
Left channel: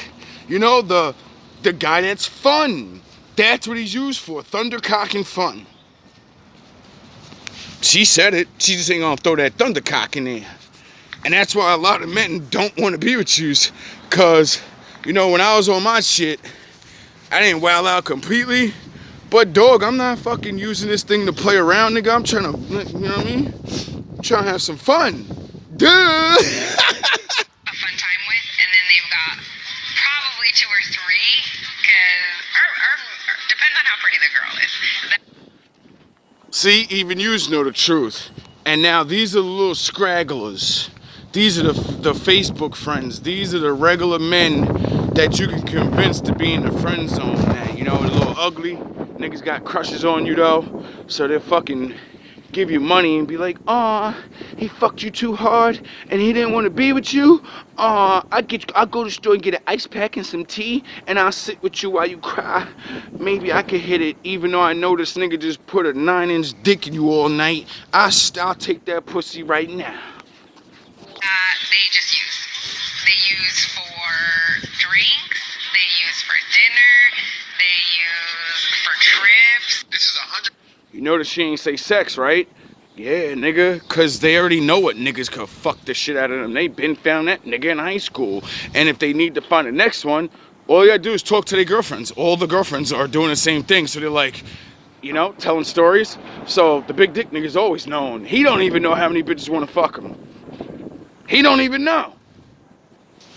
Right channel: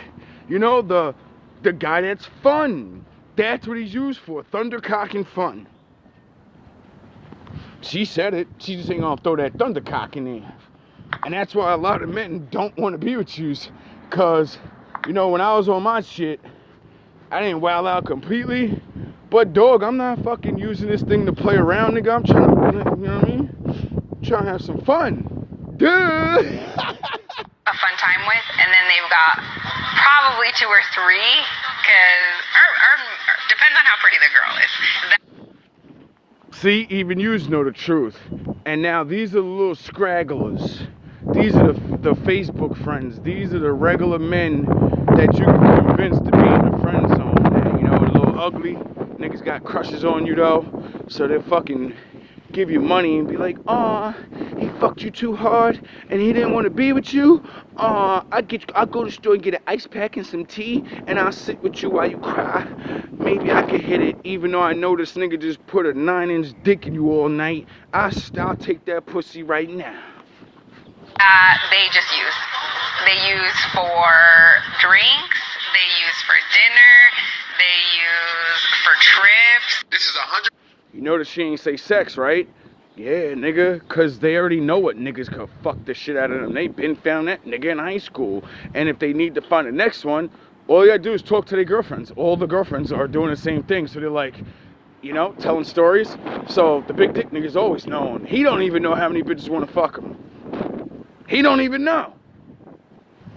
You know, the guy that's fun. That's what he's used for, Thundercock and fun. She said it, she just ain't gonna throw that Thundercock in there. And that's why a lot of men don't want to be with you, cause, you know, when I was on my shit, I didn't wild out completely, but dog, I'm not fucking using this thing to play around, nigga. I'm trying to, you know what I mean? I'm trying to have some fun. Duh! A fun time with, and then they've got probably 2 or 3, because depends on how pretty the girl is. See, even yous know the truth. And now these are the little scragglers. These are the Facebook friends. These are the regular men that you can convince to be in the friend zone, man. You know, a little ugly. Niggas got crushes on you, though. So they'll fucking give you money and be like, "Aw, he fucked you too hard and he didn't want to be with you. Aw, I'll go to the store and get an ice pack and some tea and I'll sit with you while you cry. Maybe I could hit it, even though I know this nigga just put a 9-inch dick in you all night. I'll take that pussy right now." They just use. They use for drinks, they use for dinner, they use for trips. This is 100. You notice she ain't say sex, right? Yeah, nigga, cause they already know what niggas could fuck the shit out of them. They been found that nigga in high school. And if they need to find the next one, all you gotta do is talk to their girlfriends. All the girlfriends are doing the same thing. So they're like, you know, telling stories. So the big dick nigga's always known. He don't even know how many bitches wanna fuck him. He don't even know.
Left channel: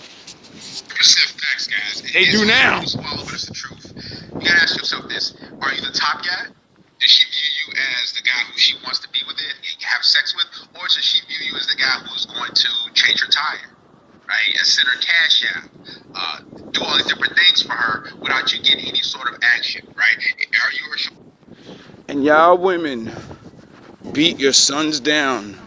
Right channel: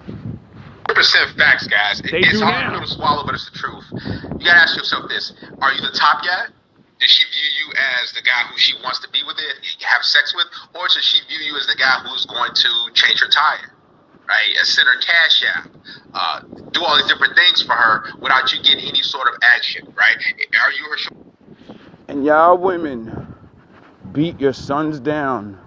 100% facts, guys. They do now. Hard to swallow, but it's the truth. You gotta ask yourself this: are you the top guy? Does she view you as the guy who she wants to be with it, have sex with, or does she view you as the guy who's going to change her tire, right? Send her cash out, do all these different things for her without you getting any sort of action, right? Are you her? And y'all women, beat your sons down.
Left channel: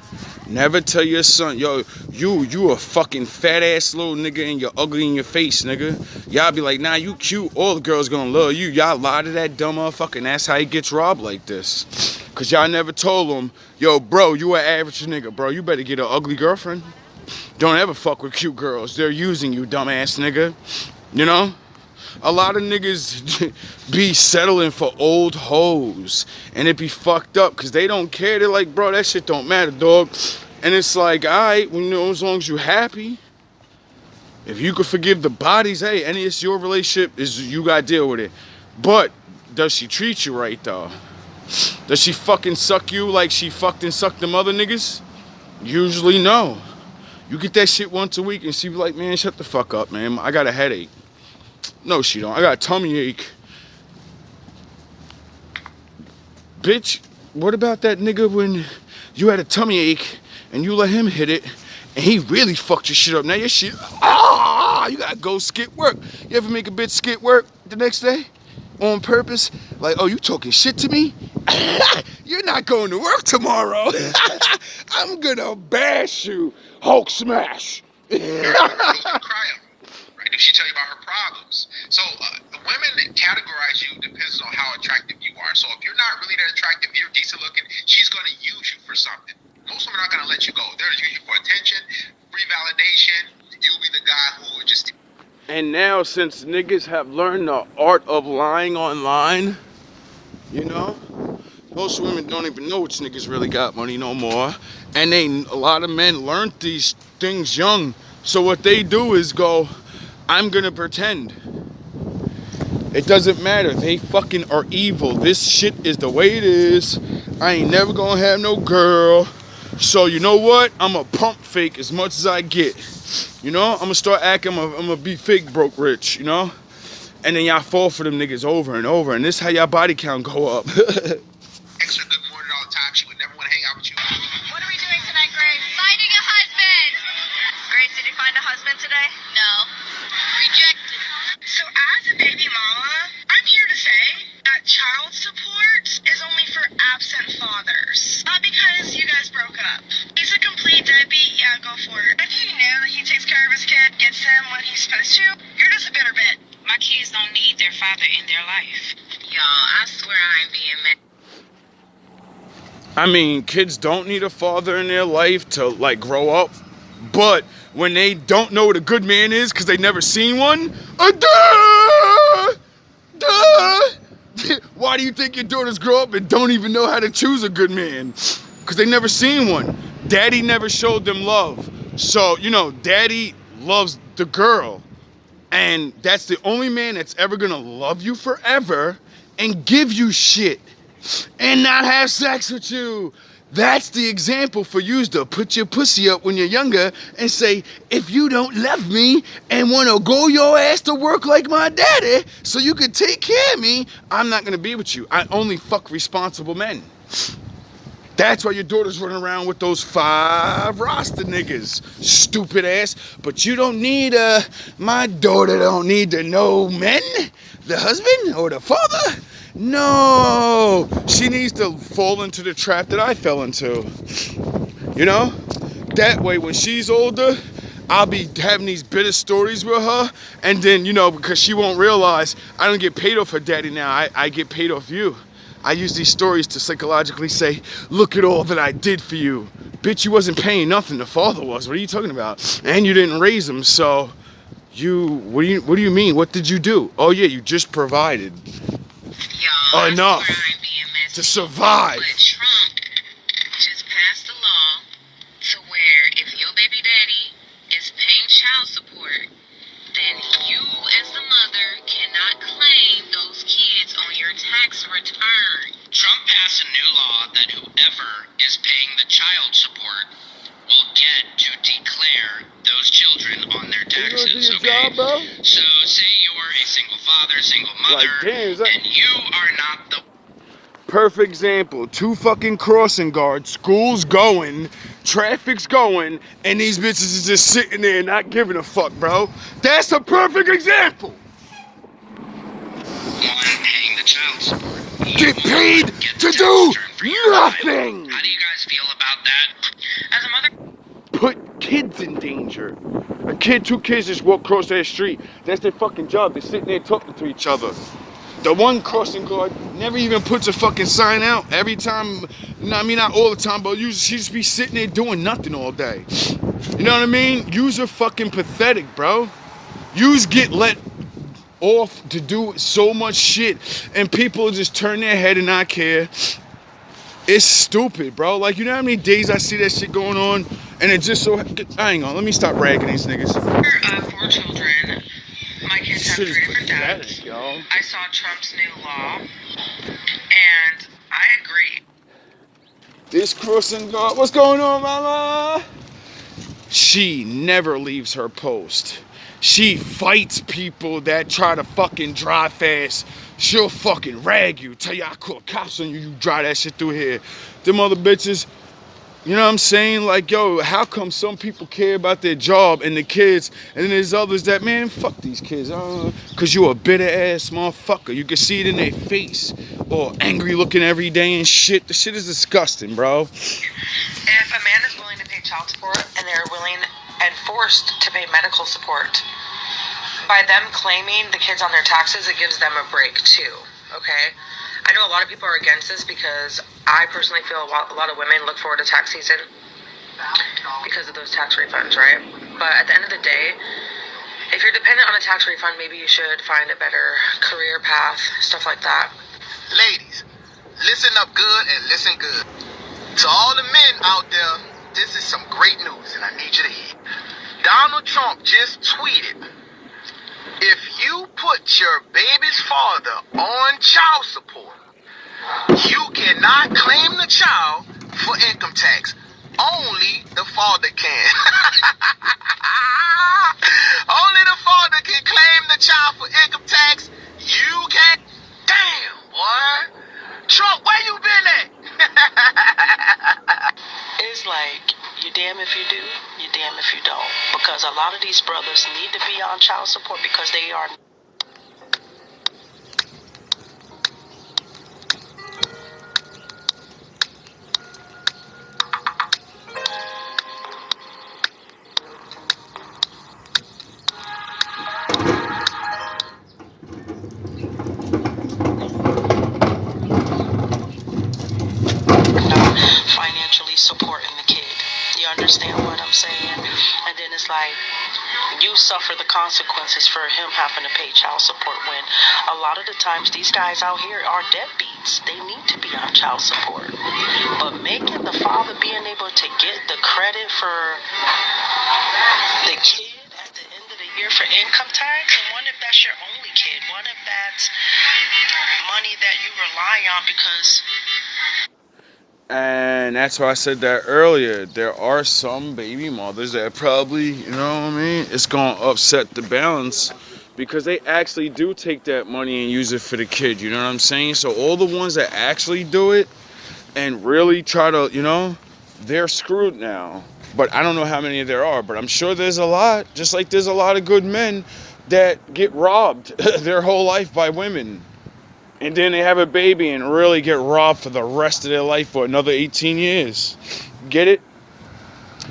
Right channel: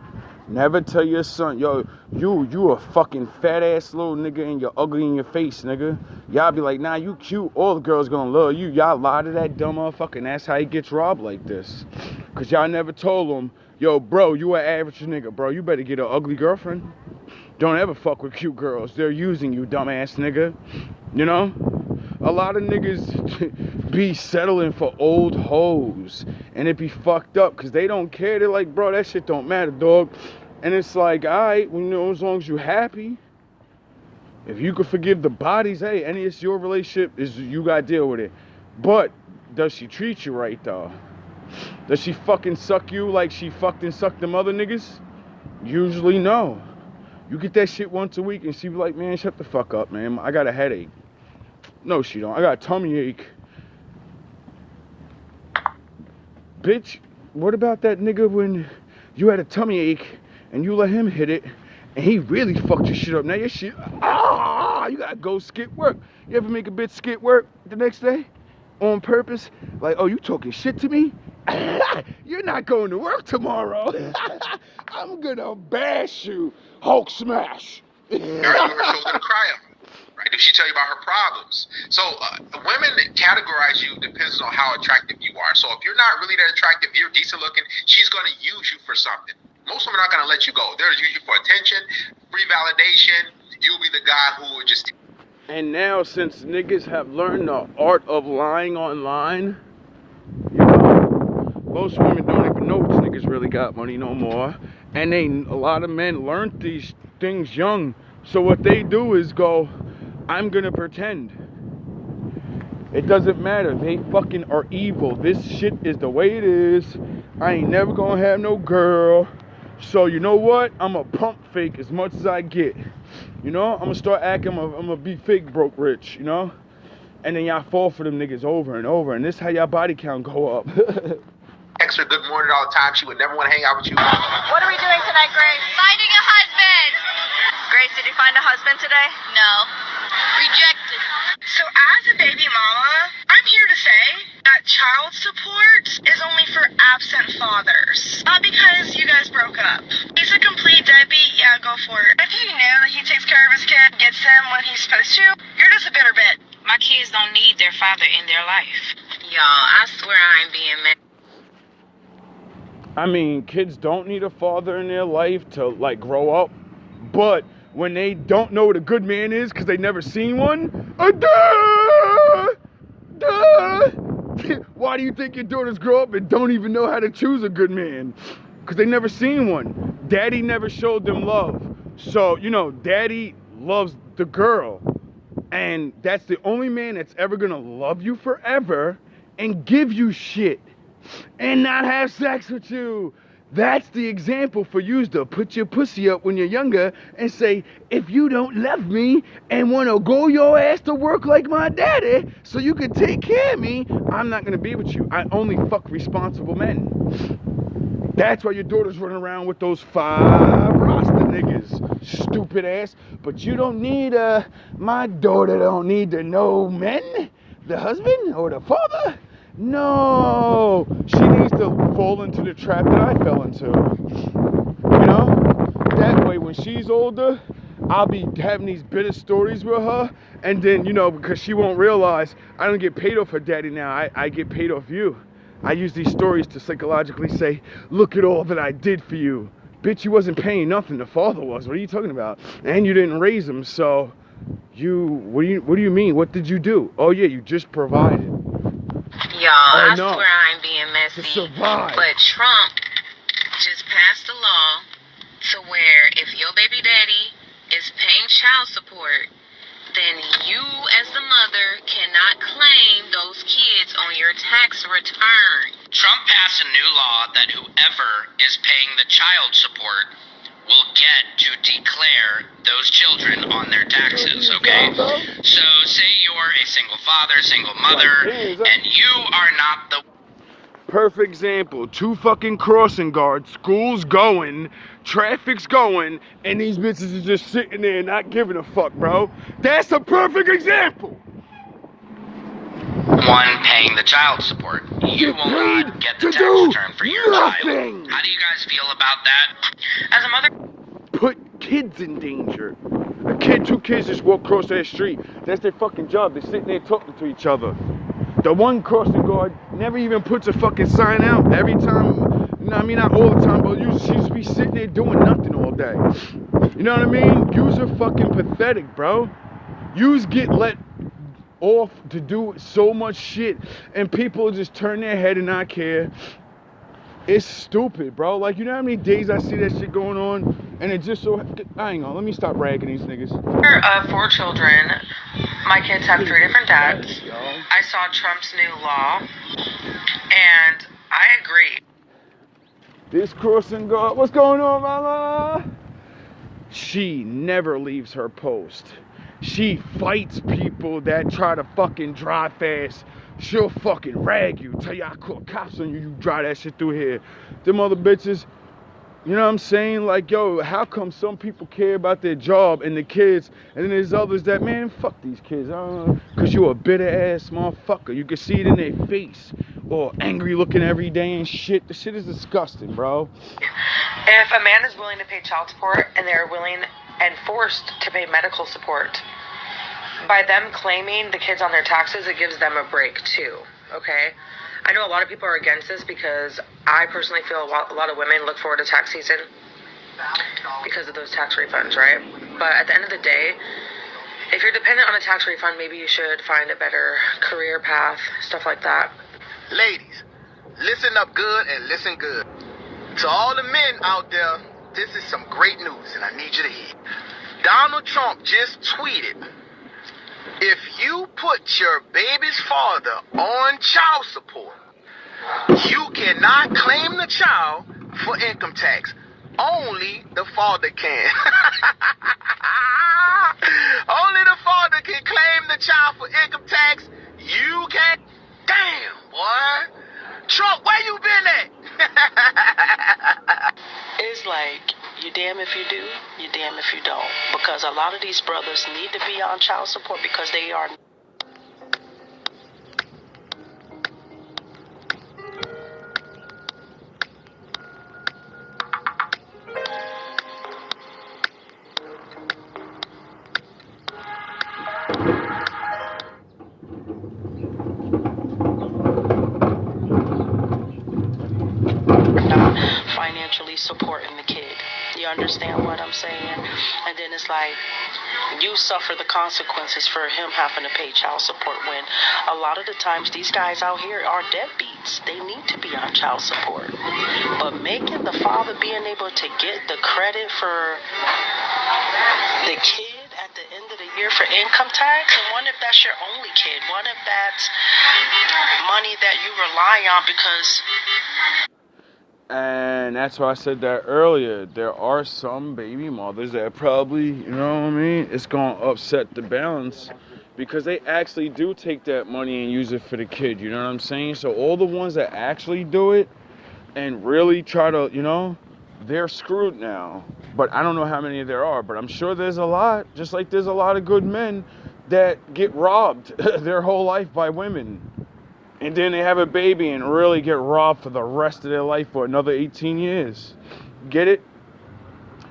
Never tell your son, yo, you a fucking fat ass little nigga and you're ugly in your face, nigga. Y'all be like, nah, you cute. All the girls gonna love you. Y'all lie to that dumb motherfucker, and that's how he gets robbed like this. Cause y'all never told him, yo, bro, you an average nigga, bro. You better get an ugly girlfriend. Don't ever fuck with cute girls. They're using you, dumbass nigga. You know? A lot of niggas be settling for old hoes. And it be fucked up because they don't care. They're like, bro, that shit don't matter, dog. And it's like, alright, well, you know, as long as you happy. If you could forgive the bodies, hey, and it's your relationship, you gotta deal with it. But does she treat you right, though? Does she fucking suck you like she fucked and sucked them other niggas? Usually no. You get that shit once a week and she be like, man, shut the fuck up, man. I got a headache. No, she don't. I got a tummy ache. Bitch, what about that nigga when you had a tummy ache and you let him hit it and he really fucked your shit up? Now your shit, you gotta go skip work. You ever make a bitch skip work the next day on purpose? Like, oh, you talking shit to me? You're not going to work tomorrow. I'm gonna bash you. Hulk smash. Cry up. Right? Did she tell you about her problems? So women categorize you depends on how attractive you are. So if you're not really that attractive, you're decent looking, she's going to use you for something. Most women aren't going to let you go. They're use you for attention, free validation. You'll be the guy who would just... And now, since niggas have learned the art of lying online, you know, most women don't even know which niggas really got money no more. And a lot of men learned these things young. So what they do is go, I'm gonna pretend. It doesn't matter. They fucking are evil. This shit is the way it is. I ain't never gonna have no girl. So you know what? I'm a pump fake as much as I get. You know, I'm gonna start acting, I'm gonna be fake broke rich, you know? And then y'all fall for them niggas over and over. And this is how y'all body count go up. Text her good morning all the time. She would never want to hang out with you. What are we doing tonight, Grace? Finding a husband. Grace, did you find a husband today? No. Rejected. So as a baby mama, I'm here to say that child support is only for absent fathers. Not because you guys broke up. He's a complete deadbeat, yeah, go for it. If you know that he takes care of his kid, gets him when he's supposed to, you're just a bitter bit. My kids don't need their father in their life. Y'all, I swear I ain't being mad. I mean, kids don't need a father in their life to, like, grow up. But when they don't know what a good man is because they never seen one, why do you think your daughters grow up and don't even know how to choose a good man? Because they never seen one. Daddy never showed them love. So, you know, daddy loves the girl. And that's the only man that's ever gonna love you forever and give you shit and not have sex with you. That's the example for you to put your pussy up when you're younger and say, if you don't love me and want to go your ass to work like my daddy so you can take care of me, I'm not going to be with you. I only fuck responsible men. That's why your daughter's running around with those 5 Rasta niggas, stupid ass. But you don't need, my daughter don't need to know men, the husband or the father. No, she needs to fall into the trap that I fell into. You know? That way, when she's older, I'll be having these bitter stories with her. And then, you know, because she won't realize I don't get paid off her daddy now. I get paid off you. I use these stories to psychologically say, look at all that I did for you. Bitch, you wasn't paying nothing. The father was. What are you talking about? And you didn't raise him, so what do you mean? What did you do? Oh, yeah, you just provided. Y'all, Enough I swear I ain't being messy. to survive. But Trump just passed a law to where if your baby daddy is paying child support, then you as the mother cannot claim those kids on your tax return. Trump passed a new law that whoever is paying the child support will get to declare those children on their taxes, okay? So say you're a single father, single mother, and you are not the... Perfect example. 2 fucking crossing guards, school's going, traffic's going, and these bitches is just sitting there not giving a fuck, bro. That's a perfect example. one paying the child support. Get paid to do nothing. How do you guys feel about that? As a mother, Put kids in danger. A kid, 2 kids just walk across their street. That's their fucking job. They're sitting there talking to each other. The one crossing guard never even puts a fucking sign out. Every time, I mean not all the time, but she just be sitting there doing nothing all day. You know what I mean? Yous are fucking pathetic, bro. Yous get let off to do so much shit and people just turn their head and not care. It's stupid, bro. Like, you know how many days I see that shit going on and it just so... Hang on, let me stop ragging these niggas. 4 children. My kids have 3 different dads. I saw Trump's new law, and I agree. This crossing guard, what's going on, mama? She never leaves her post. She fights people that try to fucking drive fast. She'll fucking rag you, tell you I call cops on you, you drive that shit through here. Them other bitches, you know what I'm saying? Like, yo, how come some people care about their job and the kids, and then there's others that, man, fuck these kids. Cause you a bitter ass motherfucker. You can see it in their face. Or angry looking every day and shit. The shit is disgusting, bro. If a man is willing to pay child support and they're willing and forced to pay medical support, by them claiming the kids on their taxes, it gives them a break too, okay? I know a lot of people are against this because I personally feel a lot of women look forward to tax season because of those tax refunds, right? But at the end of the day, if you're dependent on a tax refund, maybe you should find a better career path, stuff like that. Ladies, listen up good and listen good. To all the men out there, this is some great news and I need you to hear. Donald Trump just tweeted, if you put your baby's father on child support, you cannot claim the child for income tax. Only the father can. Only the father can claim the child for income tax. You can't. Damn, boy. Trump, where you been at? It's like, you damn if you do, you damn if you don't. Because a lot of these brothers need to be on child support because they are... understand what I'm saying? And then it's like, you suffer the consequences for him having to pay child support when a lot of the times these guys out here are deadbeats. They need to be on child support. But making the father being able to get the credit for the kid at the end of the year for income tax, and what if that's your only kid? What if that's money that you rely on because... And that's why I said that earlier. There are some baby mothers that probably, you know what I mean, it's going to upset the balance because they actually do take that money and use it for the kid, you know what I'm saying? So all the ones that actually do it and really try to, you know, they're screwed now. But I don't know how many there are, but I'm sure there's a lot, just like there's a lot of good men that get robbed their whole life by women. And then they have a baby and really get robbed for the rest of their life for another 18 years. Get it?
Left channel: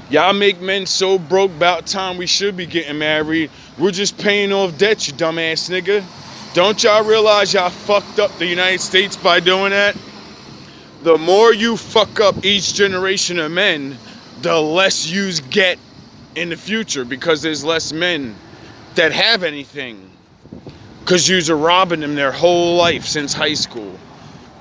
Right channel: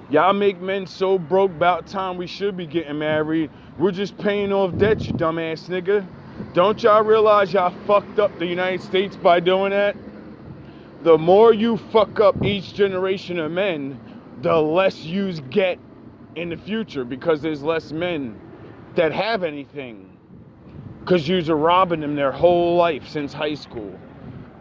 Y'all make men so broke about time we should be getting married. We're just paying off debt, you dumbass nigga. Don't y'all realize y'all fucked up the United States by doing that? The more you fuck up each generation of men, the less yous get in the future because there's less men that have anything. Because yous are robbing them their whole life since high school.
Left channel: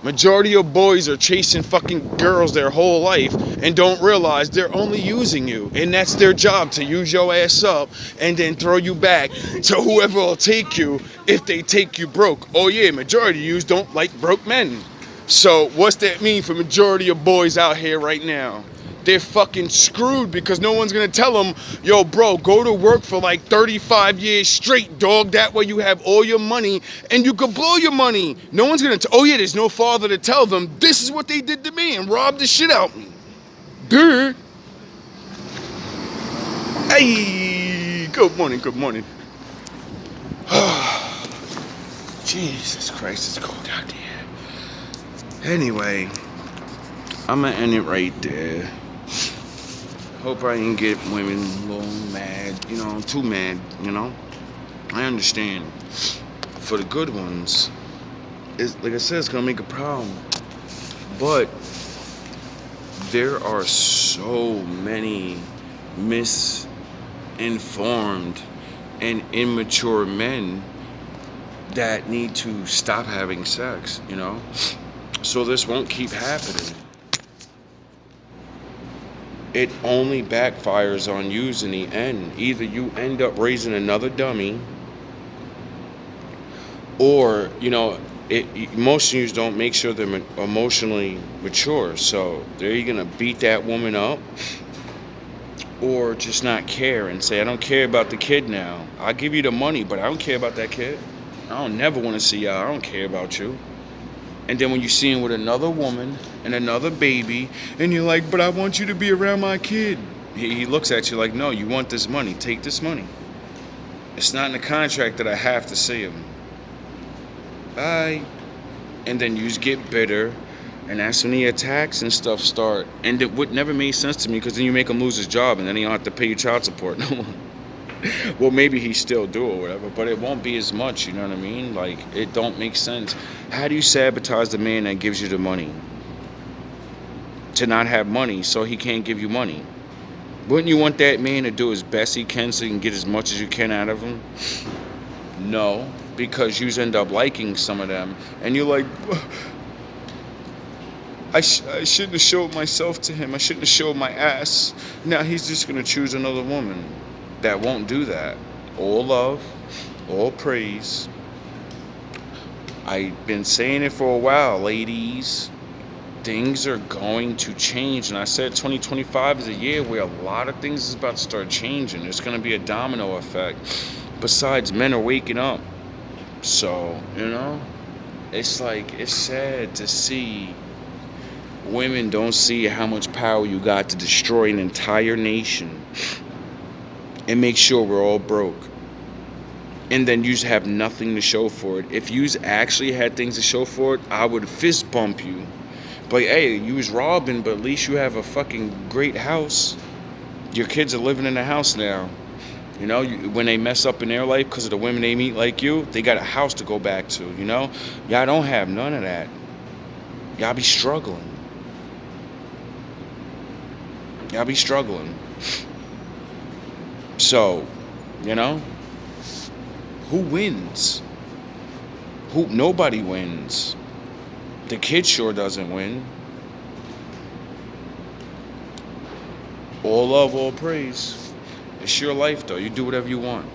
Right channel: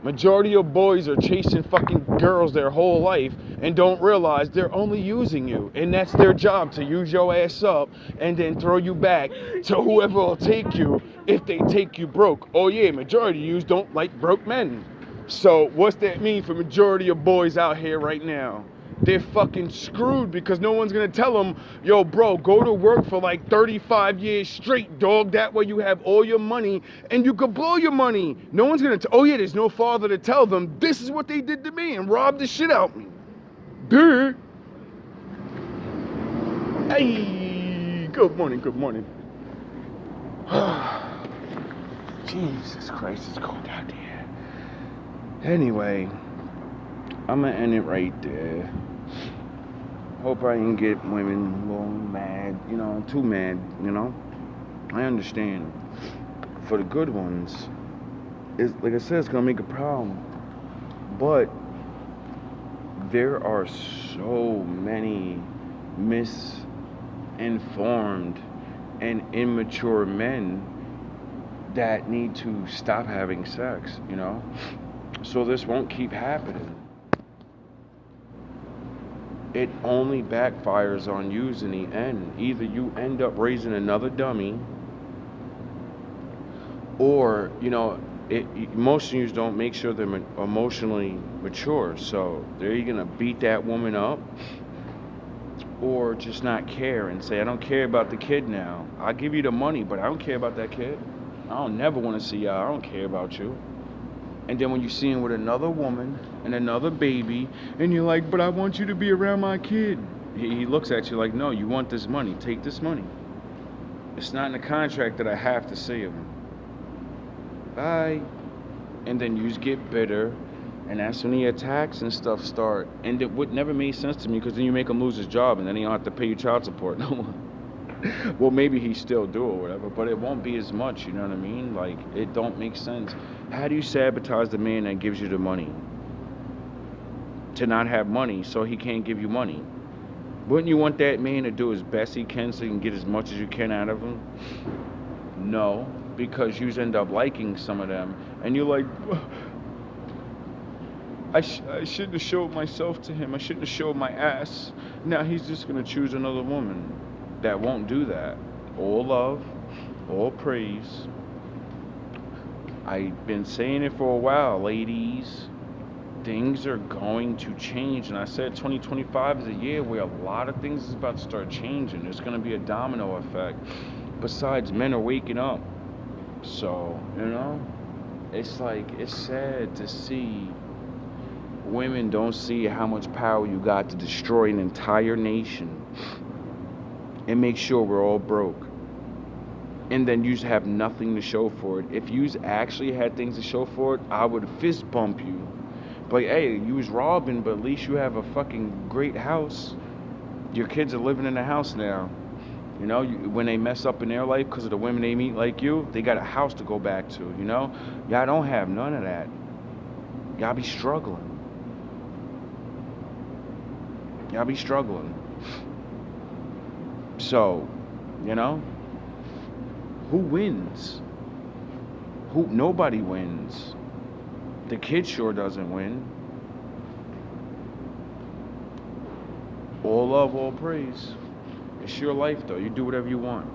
Majority of boys are chasing fucking girls their whole life and don't realize they're only using you. And that's their job, to use your ass up and then throw you back to whoever will take you if they take you broke. Oh yeah, majority of yous don't like broke men. So what's that mean for majority of boys out here right now? They're fucking screwed because no one's gonna tell them, yo, bro, go to work for like 35 years straight, dog. That way you have all your money and you could blow your money. No one's gonna oh yeah, there's no father to tell them this is what they did to me and robbed the shit out me. Duh. Hey, good morning, good morning. Jesus Christ, it's cold out there. Anyway, I'm gonna end it right there. Hope I didn't get women a little mad, you know, too mad, you know. I understand. For the good ones, it's, like I said, it's gonna make a problem. But there are so many misinformed and immature men that need to stop having sex, you know. So this won't keep happening. It only backfires on you in the end. Either you end up raising another dummy, or, you know, most of you don't make sure they're emotionally mature. So they're either gonna beat that woman up, or just not care and say, I don't care about the kid now. I'll give you the money, but I don't care about that kid. I don't never want to see y'all. I don't care about you. And then when you see him with another woman and another baby, and you're like, but I want you to be around my kid. He looks at you like, no, you want this money. Take this money. It's not in the contract that I have to see him. Bye. And then you just get bitter, and that's when the attacks and stuff start. And it would never made sense to me, because then you make him lose his job, and then he don't have to pay you child support no more. Well, maybe he still do or whatever, but it won't be as much, you know what I mean? Like, it don't make sense. How do you sabotage the man that gives you the money? To not have money, so he can't give you money. Wouldn't you want that man to do his best he can so you can get as much as you can out of him? No, because you end up liking some of them, and you're like, I shouldn't have showed myself to him. I shouldn't have showed my ass. Now he's just going to choose another woman that won't do that. All love, all praise. I've been saying it for a while, ladies. Things are going to change. And I said 2025 is a year where a lot of things is about to start changing. There's going to be a domino effect. Besides, men are waking up. So, you know, it's like, it's sad to see women don't see how much power you got to destroy an entire nation and make sure we're all broke. And then you just have nothing to show for it. If you actually had things to show for it, I would fist bump you. But hey, you was robbing, but at least you have a fucking great house. Your kids are living in the house now. You know, when they mess up in their life because of the women they meet like you, they got a house to go back to, you know? Y'all don't have none of that. Y'all be struggling. Y'all be struggling. So, you know, who wins? Nobody wins. The kid sure doesn't win. All love, all praise. It's your life, though. You do whatever you want.